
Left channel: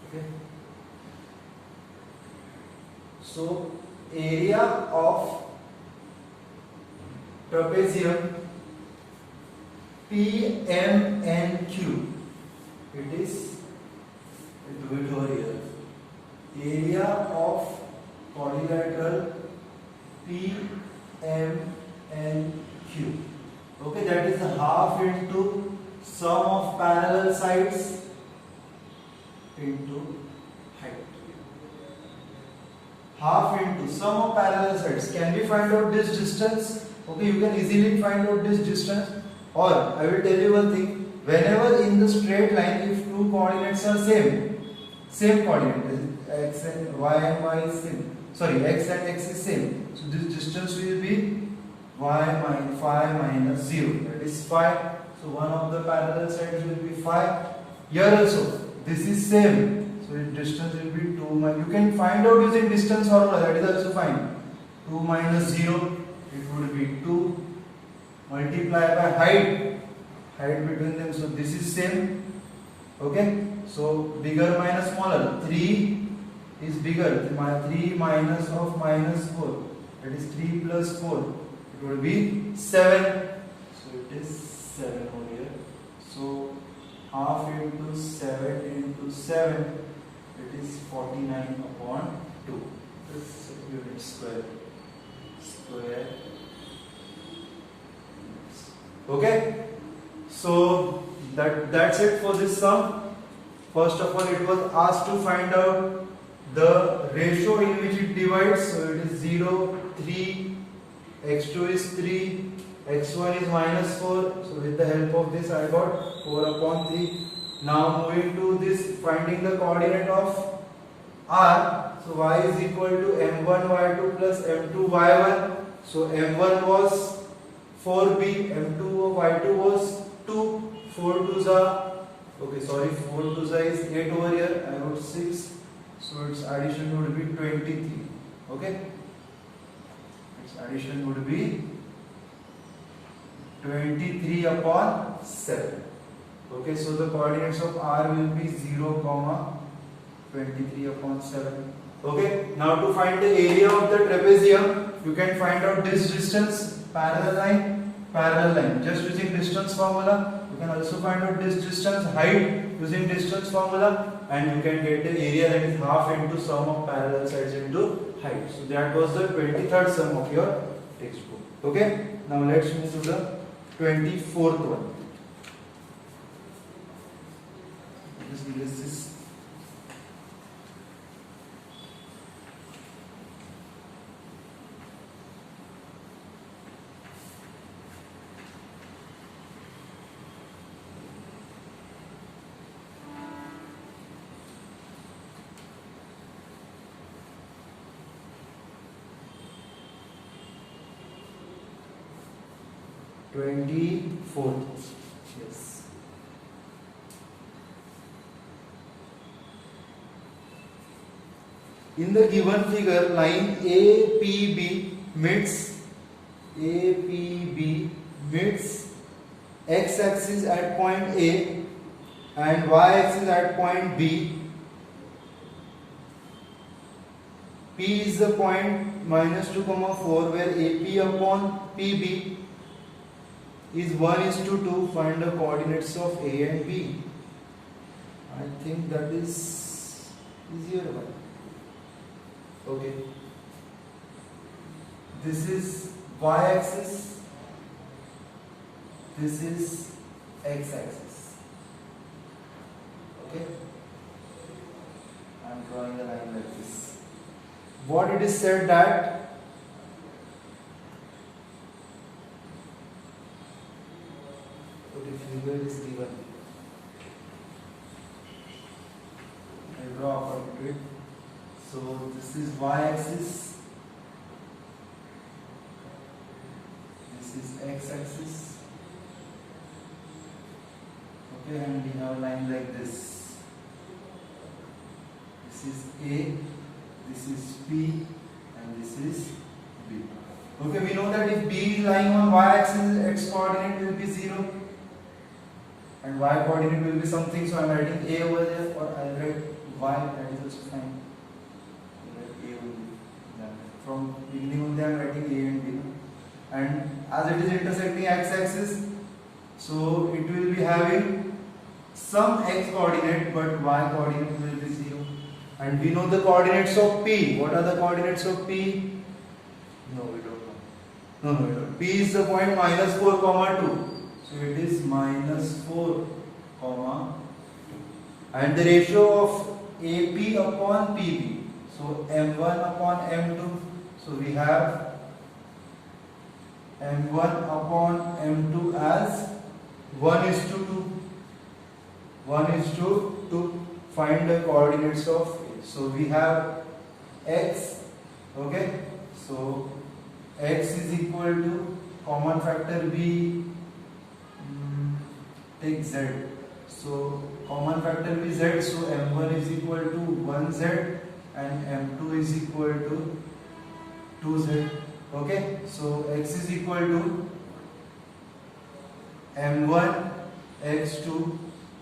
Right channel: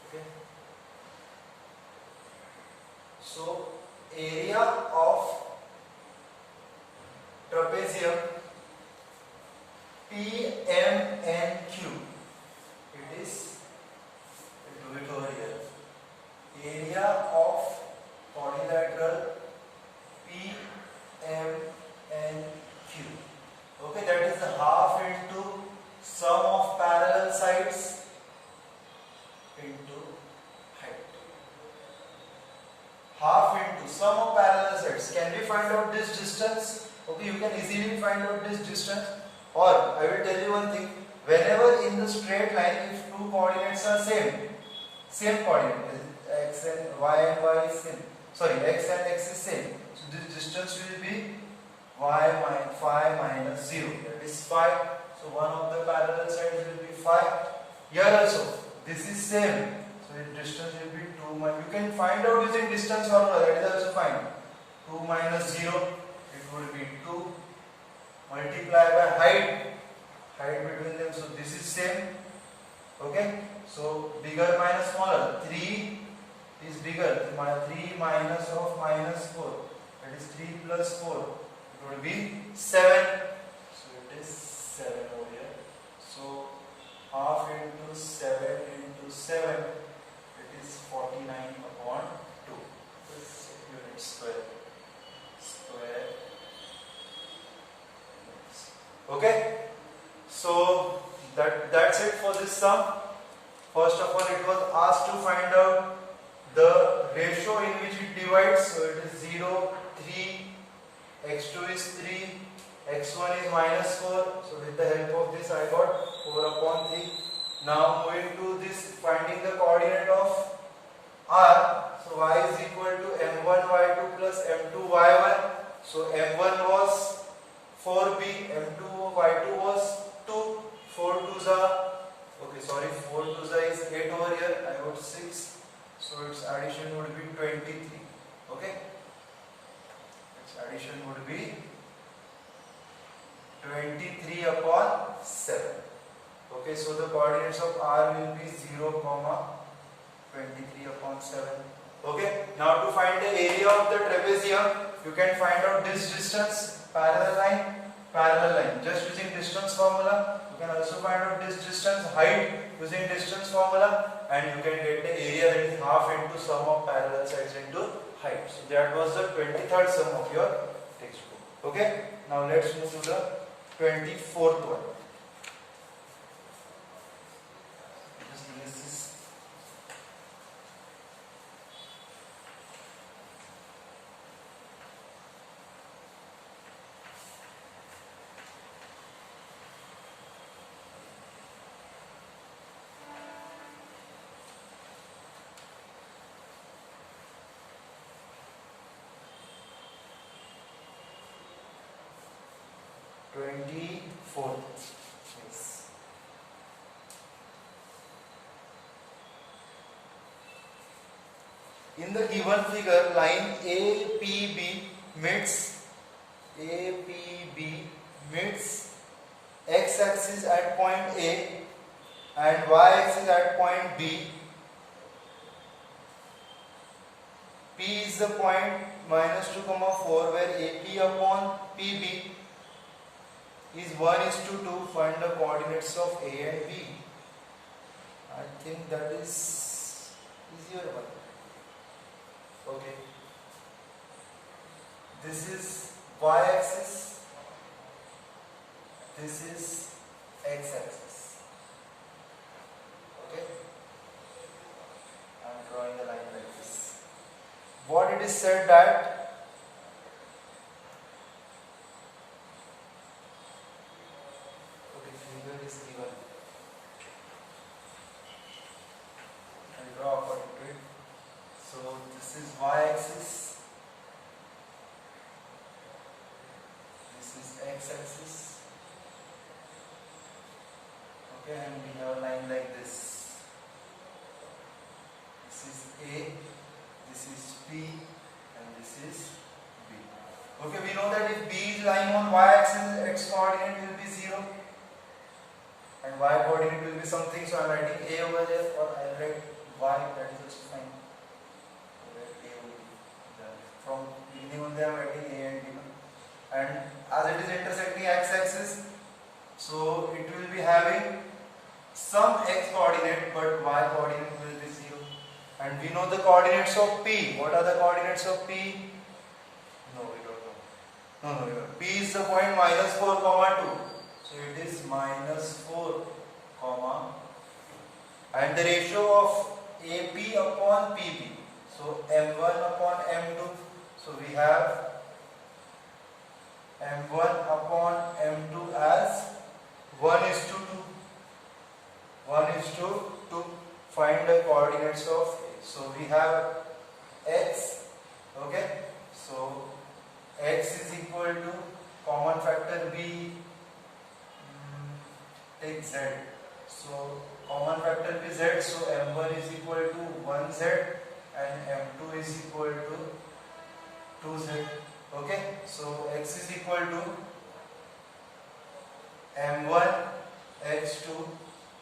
Okay. So area of trapezium PMNQ. It is, I'll do it over here. Area of quadrilateral PMNQ. Okay, that is half into sum of parallel sides into height. Half into sum of parallel sides. Can we find out this distance? Okay, you can easily find out this distance. Or I will tell you one thing. Whenever in the straight line, if two coordinates are same coordinate, x and y is same. Sorry, x and x is same. So this distance will be y minus 5 minus 0. That is 5. So one of the parallel sides will be 5. Here also, this is same. So the distance will be 2. You can find out using distance formula. That is also fine. 2 minus 0. It would be 2. Multiply by height. Height between them. So this is same. Okay. So bigger minus smaller. 3 is bigger. My 3 minus of minus 4, that is 3 plus 4, it will be 7. So it is 7 over here. So half into 7 into 7, it is 49 upon 2. This unit square. Okay. So that's it for this sum. First of all, it was asked to find out the ratio in which it divides. So it is 0, 3, x2 is 3, x1 is minus 4. So with the help of this I got 4 upon 3. Now moving to this, finding the coordinate of r. So y is equal to m1 y2 plus m2 y1. So m1 was 4b, m2 y2 was 2, 4 2s are, okay, sorry, 4 2s is 8 over here, I got 6, so its addition would be 23, okay, its addition would be 23 upon 7, okay, so the coordinates of r will be 0, 23 upon 7, okay. Now to find the area of the trapezium, you can find out this distance, parallel line, just using distance formula. You can also find out this distance, height, using distance formula, and you can get the area, that is half into sum of parallel sides into height. So that was the 23rd sum of your textbook. Okay, now let's move to the 24th one. Just erase this. Yes. In the given figure, line APB meets x-axis at point A and y-axis at point B. P is the point -2, where AP upon PB is 1:2. Find the coordinates of A and B. I think that is easier one. Okay. This is y-axis. This is x-axis. Okay. I am drawing a line like this. What it is said that figure is given. I draw according to it. So this is y-axis. This is x-axis. Okay, and we have a line like this. This is A, this is P, and this is B. Okay, we know that if B is lying on y-axis, its coordinate will be 0. And y coordinate will be something, so I am writing A over there, or I will write y, that is also fine. A will be. From beginning only I am writing A and B. And as it is intersecting x-axis, so it will be having some x coordinate, but y coordinate will be 0. And we know the coordinates of P. What are the coordinates of P? No, we don't know. No. P is the point -4, 2. So it is -4, and the ratio of AP upon PB. So M1 upon M2. So we have M1 upon M2 as 1:2. 1:2. Find the coordinates of A. So we have x. Okay. So x is equal to common factor B. Take z. So common factor will be z. So m1 is equal to 1z and m2 is equal to 2z. Okay. So x is equal to m1 x2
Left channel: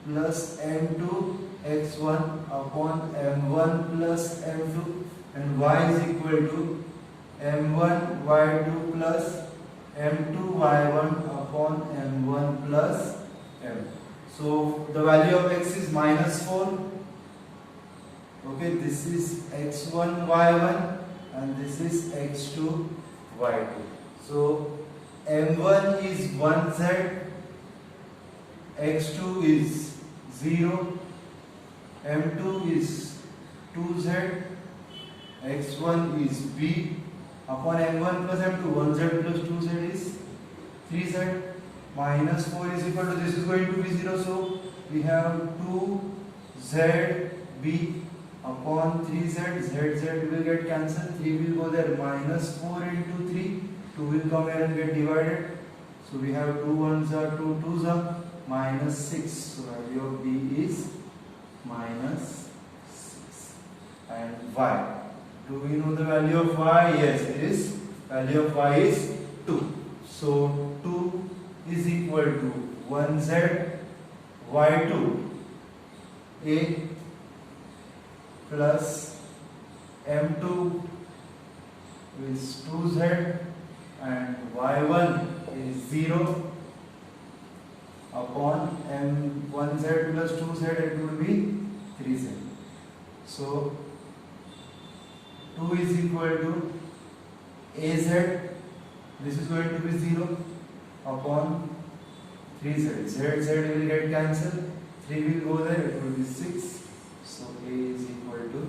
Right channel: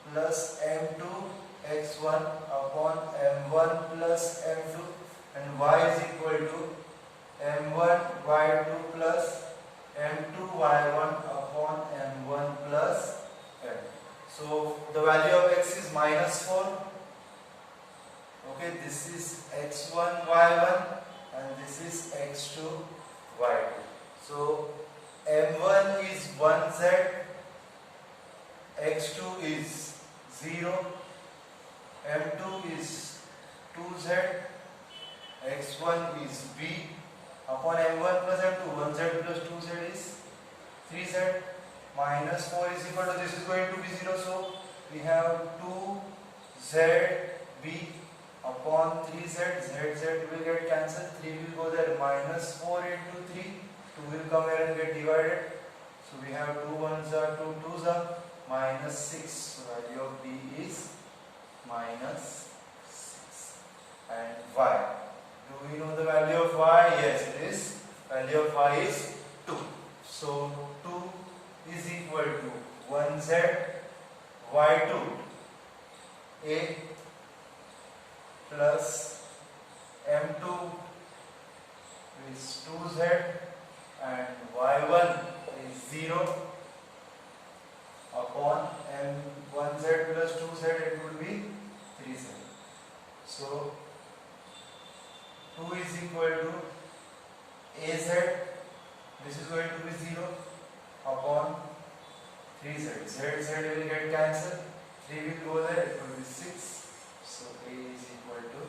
plus m2 x1 upon m1 plus m2 and y is equal to m1 y2 plus m2 y1 upon m1 plus m. So the value of x is -4. Okay, this is x1 y1 and this is x2 y2. So m1 is 1z, x2 is 0, m2 is 2z, x1 is b upon m1 plus m2. 1z plus 2z is 3z. Minus 4 is equal to, this is going to be 0, so we have 2zb upon 3z. Z will get cancelled, 3 will go there, minus 4 into 3, 2 will come here and get divided. So we have 2 1s are 2 2s are minus 6. So value of b is minus 6. And y, do we know the value of y? Yes, it is. Value of y is 2. So 2 is equal to 1z y2 a plus m2 is 2z and y1 is 0 upon m1z plus 2z, it will be 3z. So 2 is equal to az, this is going to be 0 upon 3z. Z will get cancelled, 3 will go there, it will be 6. So a is equal to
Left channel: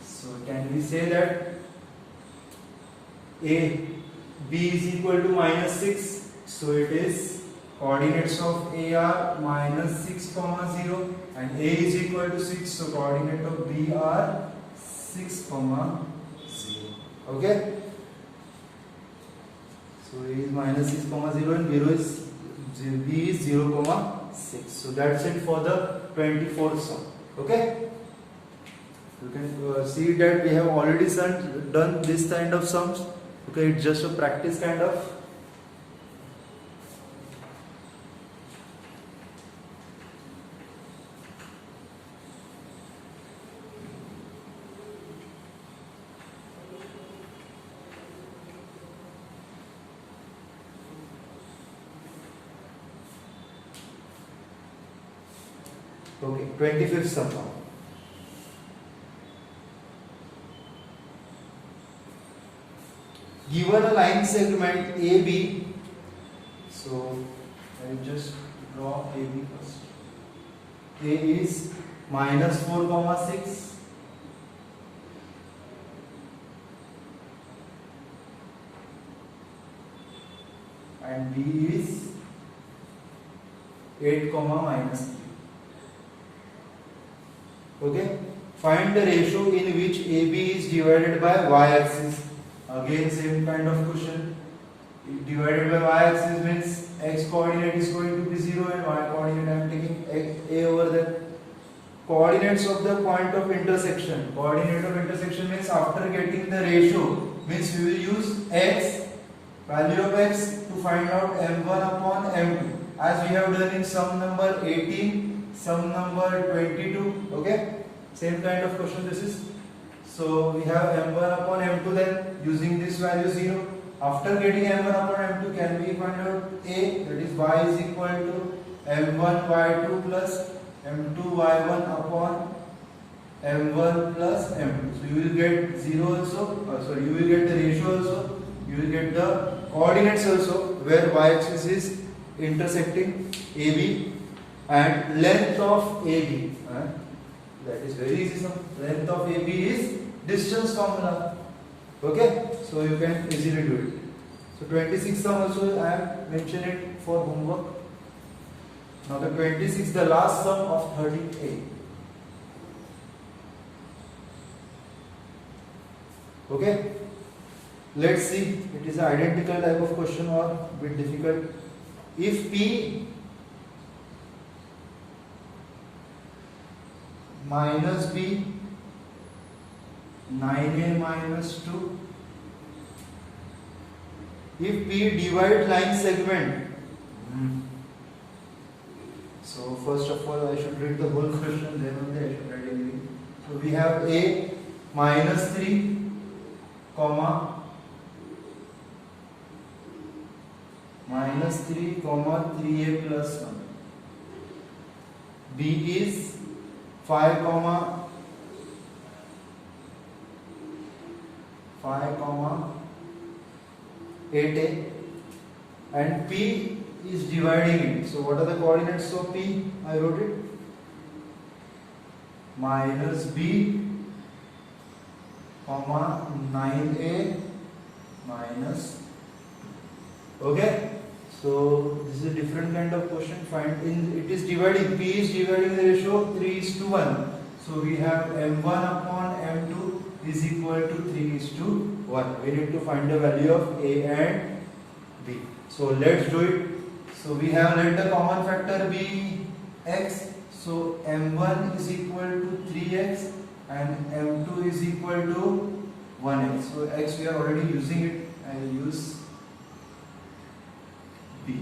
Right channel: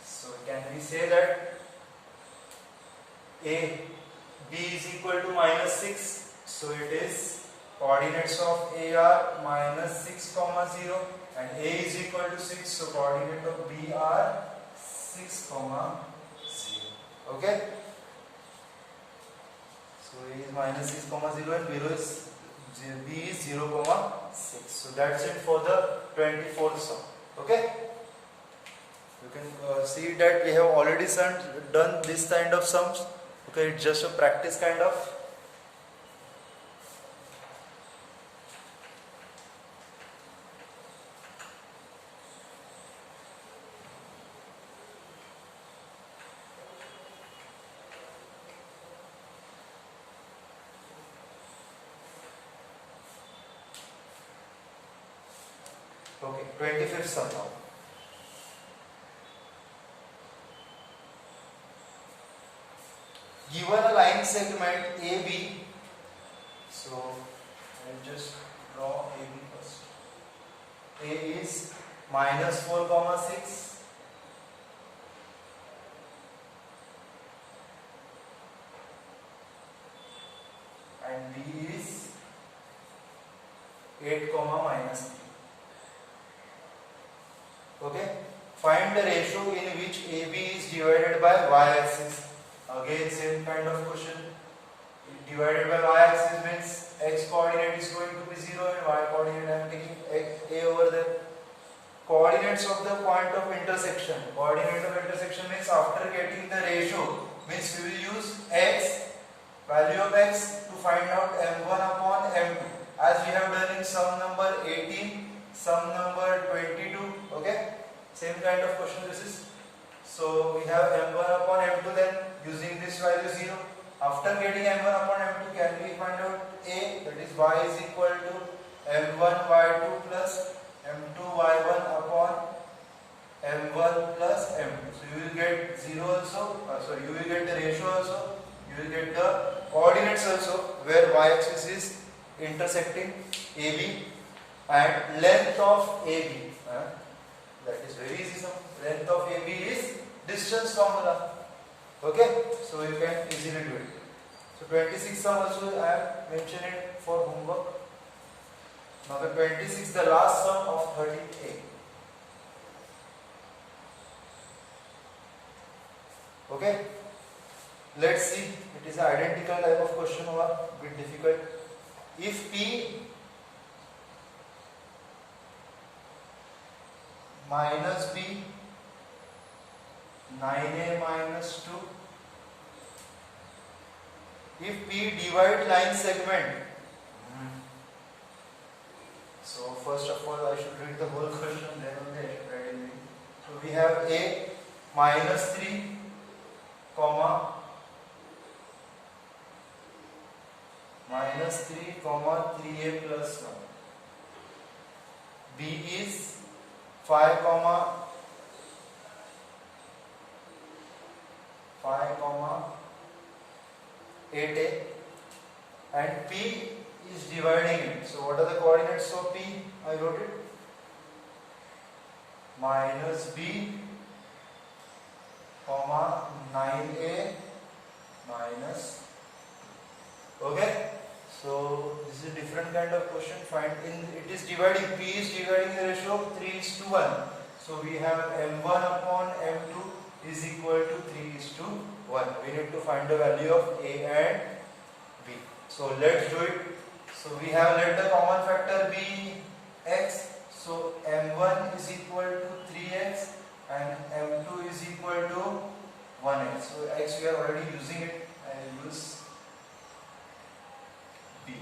6. So can we say that b is equal to minus 6? So it is coordinates of a are minus 6 comma 0 and a is equal to 6. So coordinate of b are 6 comma 0. Okay. So a is minus 6 comma 0 and b is 0 comma 6. So that's it for the 24th sum. Okay. You can see that we have already done this kind of sums. Okay, it's just a practice kind of. Okay, 25th sum now. Given a line segment AB, so I'll just draw AB first. A is minus 4 comma 6, and B is 8 comma minus 3. Okay, find the ratio in which AB is divided by y-axis. Again, same kind of question. Divided by y-axis means x coordinate is going to be 0 and y coordinate I am taking a over there. Coordinates of the point of intersection. Coordinate of intersection means after getting the ratio, means we will use x, value of x to find out m1 upon m2. As we have done in sum number 18, sum number 22. Okay, same kind of question this is. So we have m1 upon m2, then using this value 0. After getting m1 upon m2, can we find out a, that is y is equal to m1 y2 plus m2 y1 upon m1 plus m2. So you will get 0 also, you will get the ratio also, you will get the coordinates also where y-axis is intersecting AB and length of AB. That is very easy. Length of AB is distance formula. Okay, so you can easily do it. So 26 sum also I have mentioned it for homework. Now the 26, the last sum of 30A. Okay, let's see. It is an identical type of question or a bit difficult. If P minus B 9A minus 2, if P divide line segment, So first of all, I should read the whole question, then only I should write everything. So we have a minus 3, comma minus 3, comma 3a plus 1. B is 5, comma 8a, and P is dividing it. So what are the coordinates of P? I wrote it. Minus B, comma 9a minus. Okay. So this is a different kind of question. Find in it is dividing. P is dividing the ratio of 3:1. So we have m1 upon m2 is equal to 3:1. We need to find the value of A and B. So let's do it. So we have, let the common factor be x. So m1 is equal to 3x and m2 is equal to 1x. So x we are already using it. I will use B.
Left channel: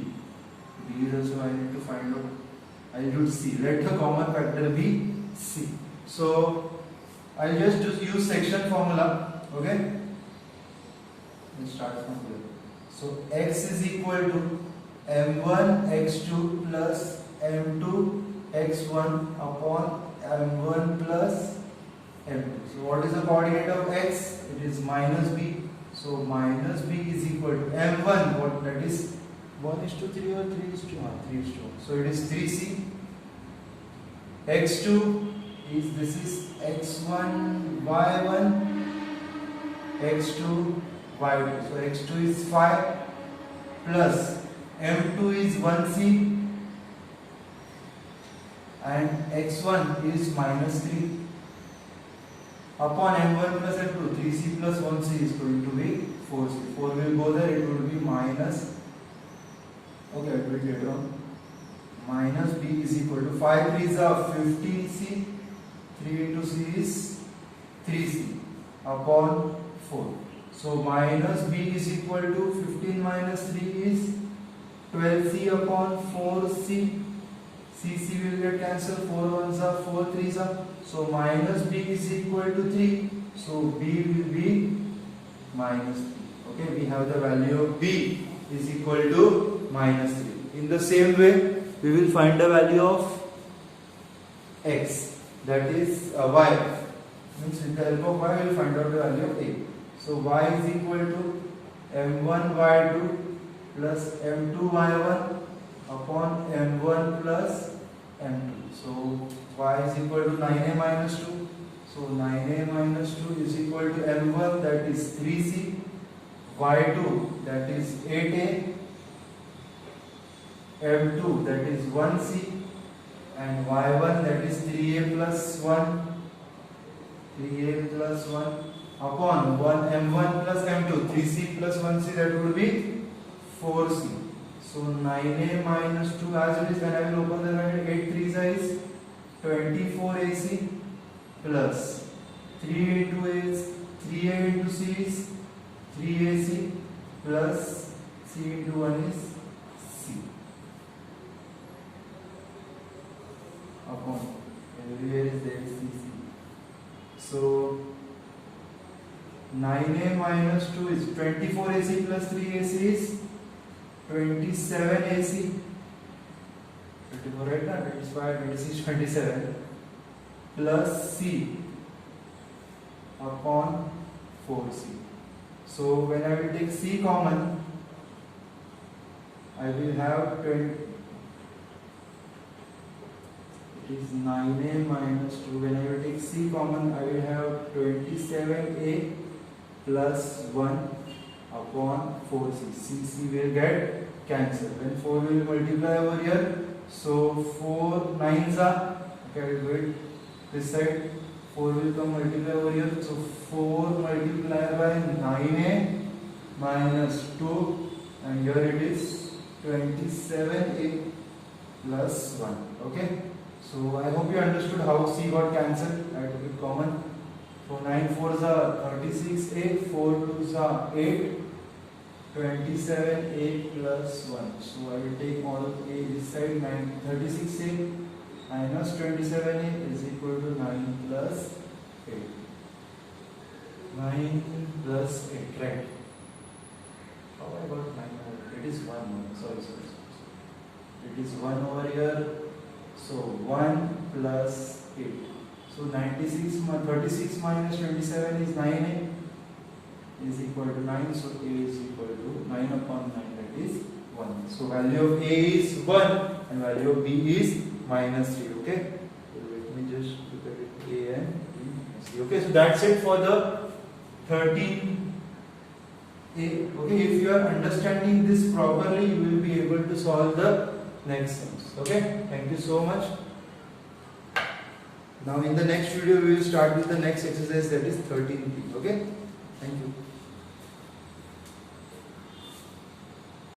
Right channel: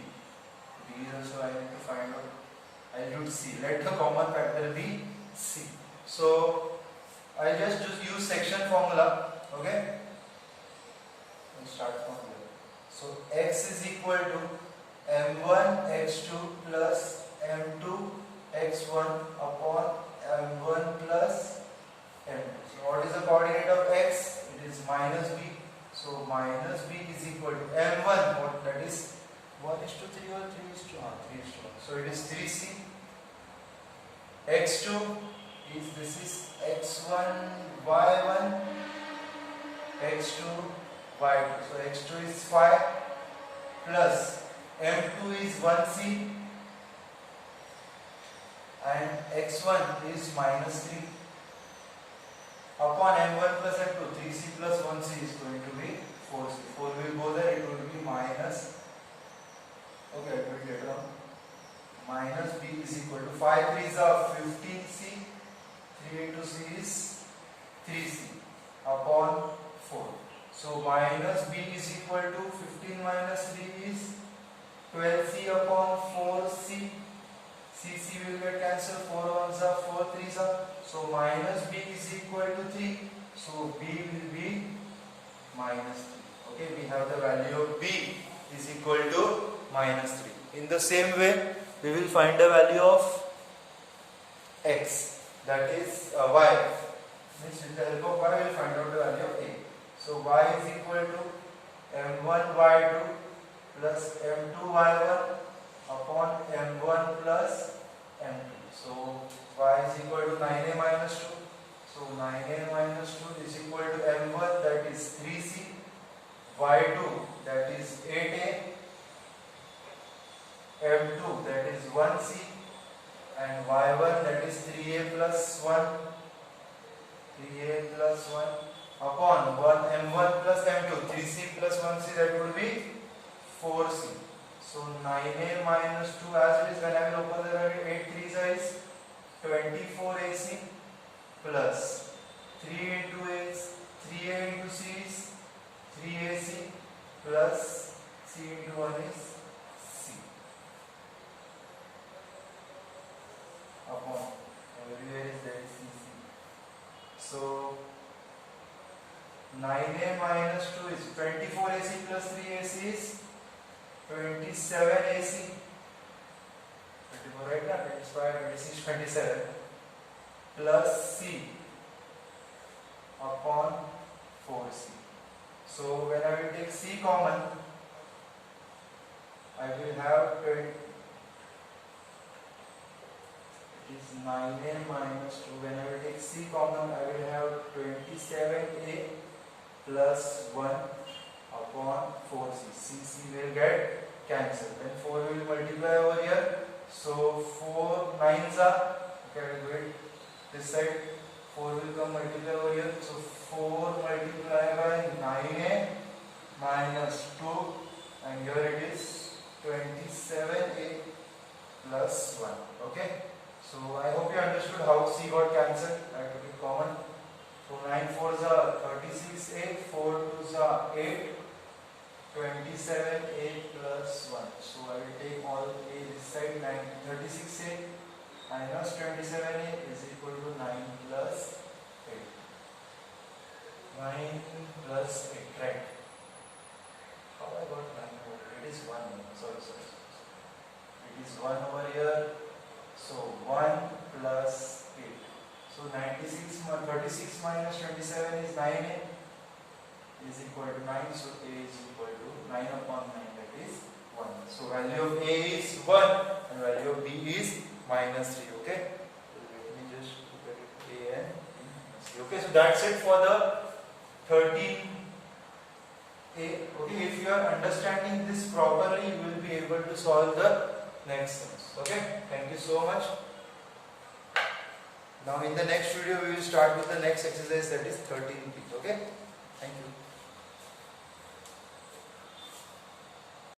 B is also I need to find out. I will do C. Let the common factor be C. So I just use section formula. Okay. We'll start from here. So x is equal to m1 x2 plus m2 x1 upon m1 plus m2. So what is the coordinate of x? It is minus b. So minus b is equal to m1. What that is 1:3 or 3:1? So it is 3c. x2 is, this is x1 y1, x2 y2. So x2 is 5 plus m2 is 1c and x1 is minus 3 upon m1 plus m2. 3c plus 1c is going to be 4c. 4 will go there, it will be minus. Okay, I will write later on. Minus b is equal to 5 3s are 15c. 3 into c is 3c upon 4. So minus b is equal to 15 minus 3 is 12c upon 4c. C will get cancelled. 4 1s are 4 3s are. So minus b is equal to 3. So b will be minus 3. Okay, we have the value of b is equal to minus 3. In the same way, we will find the value of x, that is y. Means with the help of y, we will find out the value of a. So y is equal to m1 y2 plus m2 y1 upon m1 plus m2. So y is equal to 9a minus 2. So 9a minus 2 is equal to m1, that is 3c, y2 that is 8a, m2 that is 1c, and y1 that is 3a plus 1, 3a plus 1 upon 1 m1 plus m2, 3c plus 1c, that would be 4c. So 9a minus 2, as it is, when I will open the bracket, 8 3s is 24ac plus 3 into x, 3a into c is 3ac plus c into 1 is c upon everywhere is there cc. So 9a minus 2 is 24ac plus 3ac is 27ac. 24 right now, 25, 26, 27 plus c upon 4c. So when I will take c common, I will have 20. It is 9a minus 2. When I will take c common, I will have 27a plus 1 upon 4c. C will get cancelled. When 4 will multiply over here, so 4 9s are, okay, I will do it this side. 4 will come multiply over here. So 4 multiplied by 9a minus 2, and here it is 27a plus 1. Okay. So I hope you understood how c got cancelled. I took it common. So 9 4s are 36a, 4 2s are 8, 27a plus 1. So I will take all a this side. 36a minus 27a is equal to 9 plus 8. 9 plus 8, right? How I got 9 over here? It is 1. Sorry. It is 1 over here. So 1 plus 8. So 36 minus 27 is 9a is equal to 9. So a is equal to 9 upon 9, that is 1. So value of a is 1 and value of b is minus 3. Okay. So let me just look at it. A and b minus 3. Okay. So that's it for the 13a. Okay. If you are understanding this properly, you will be able to solve the next sums. Okay. Thank you so much. Now in the next video we will start with the next exercise, that is 13b. Okay. Thank you.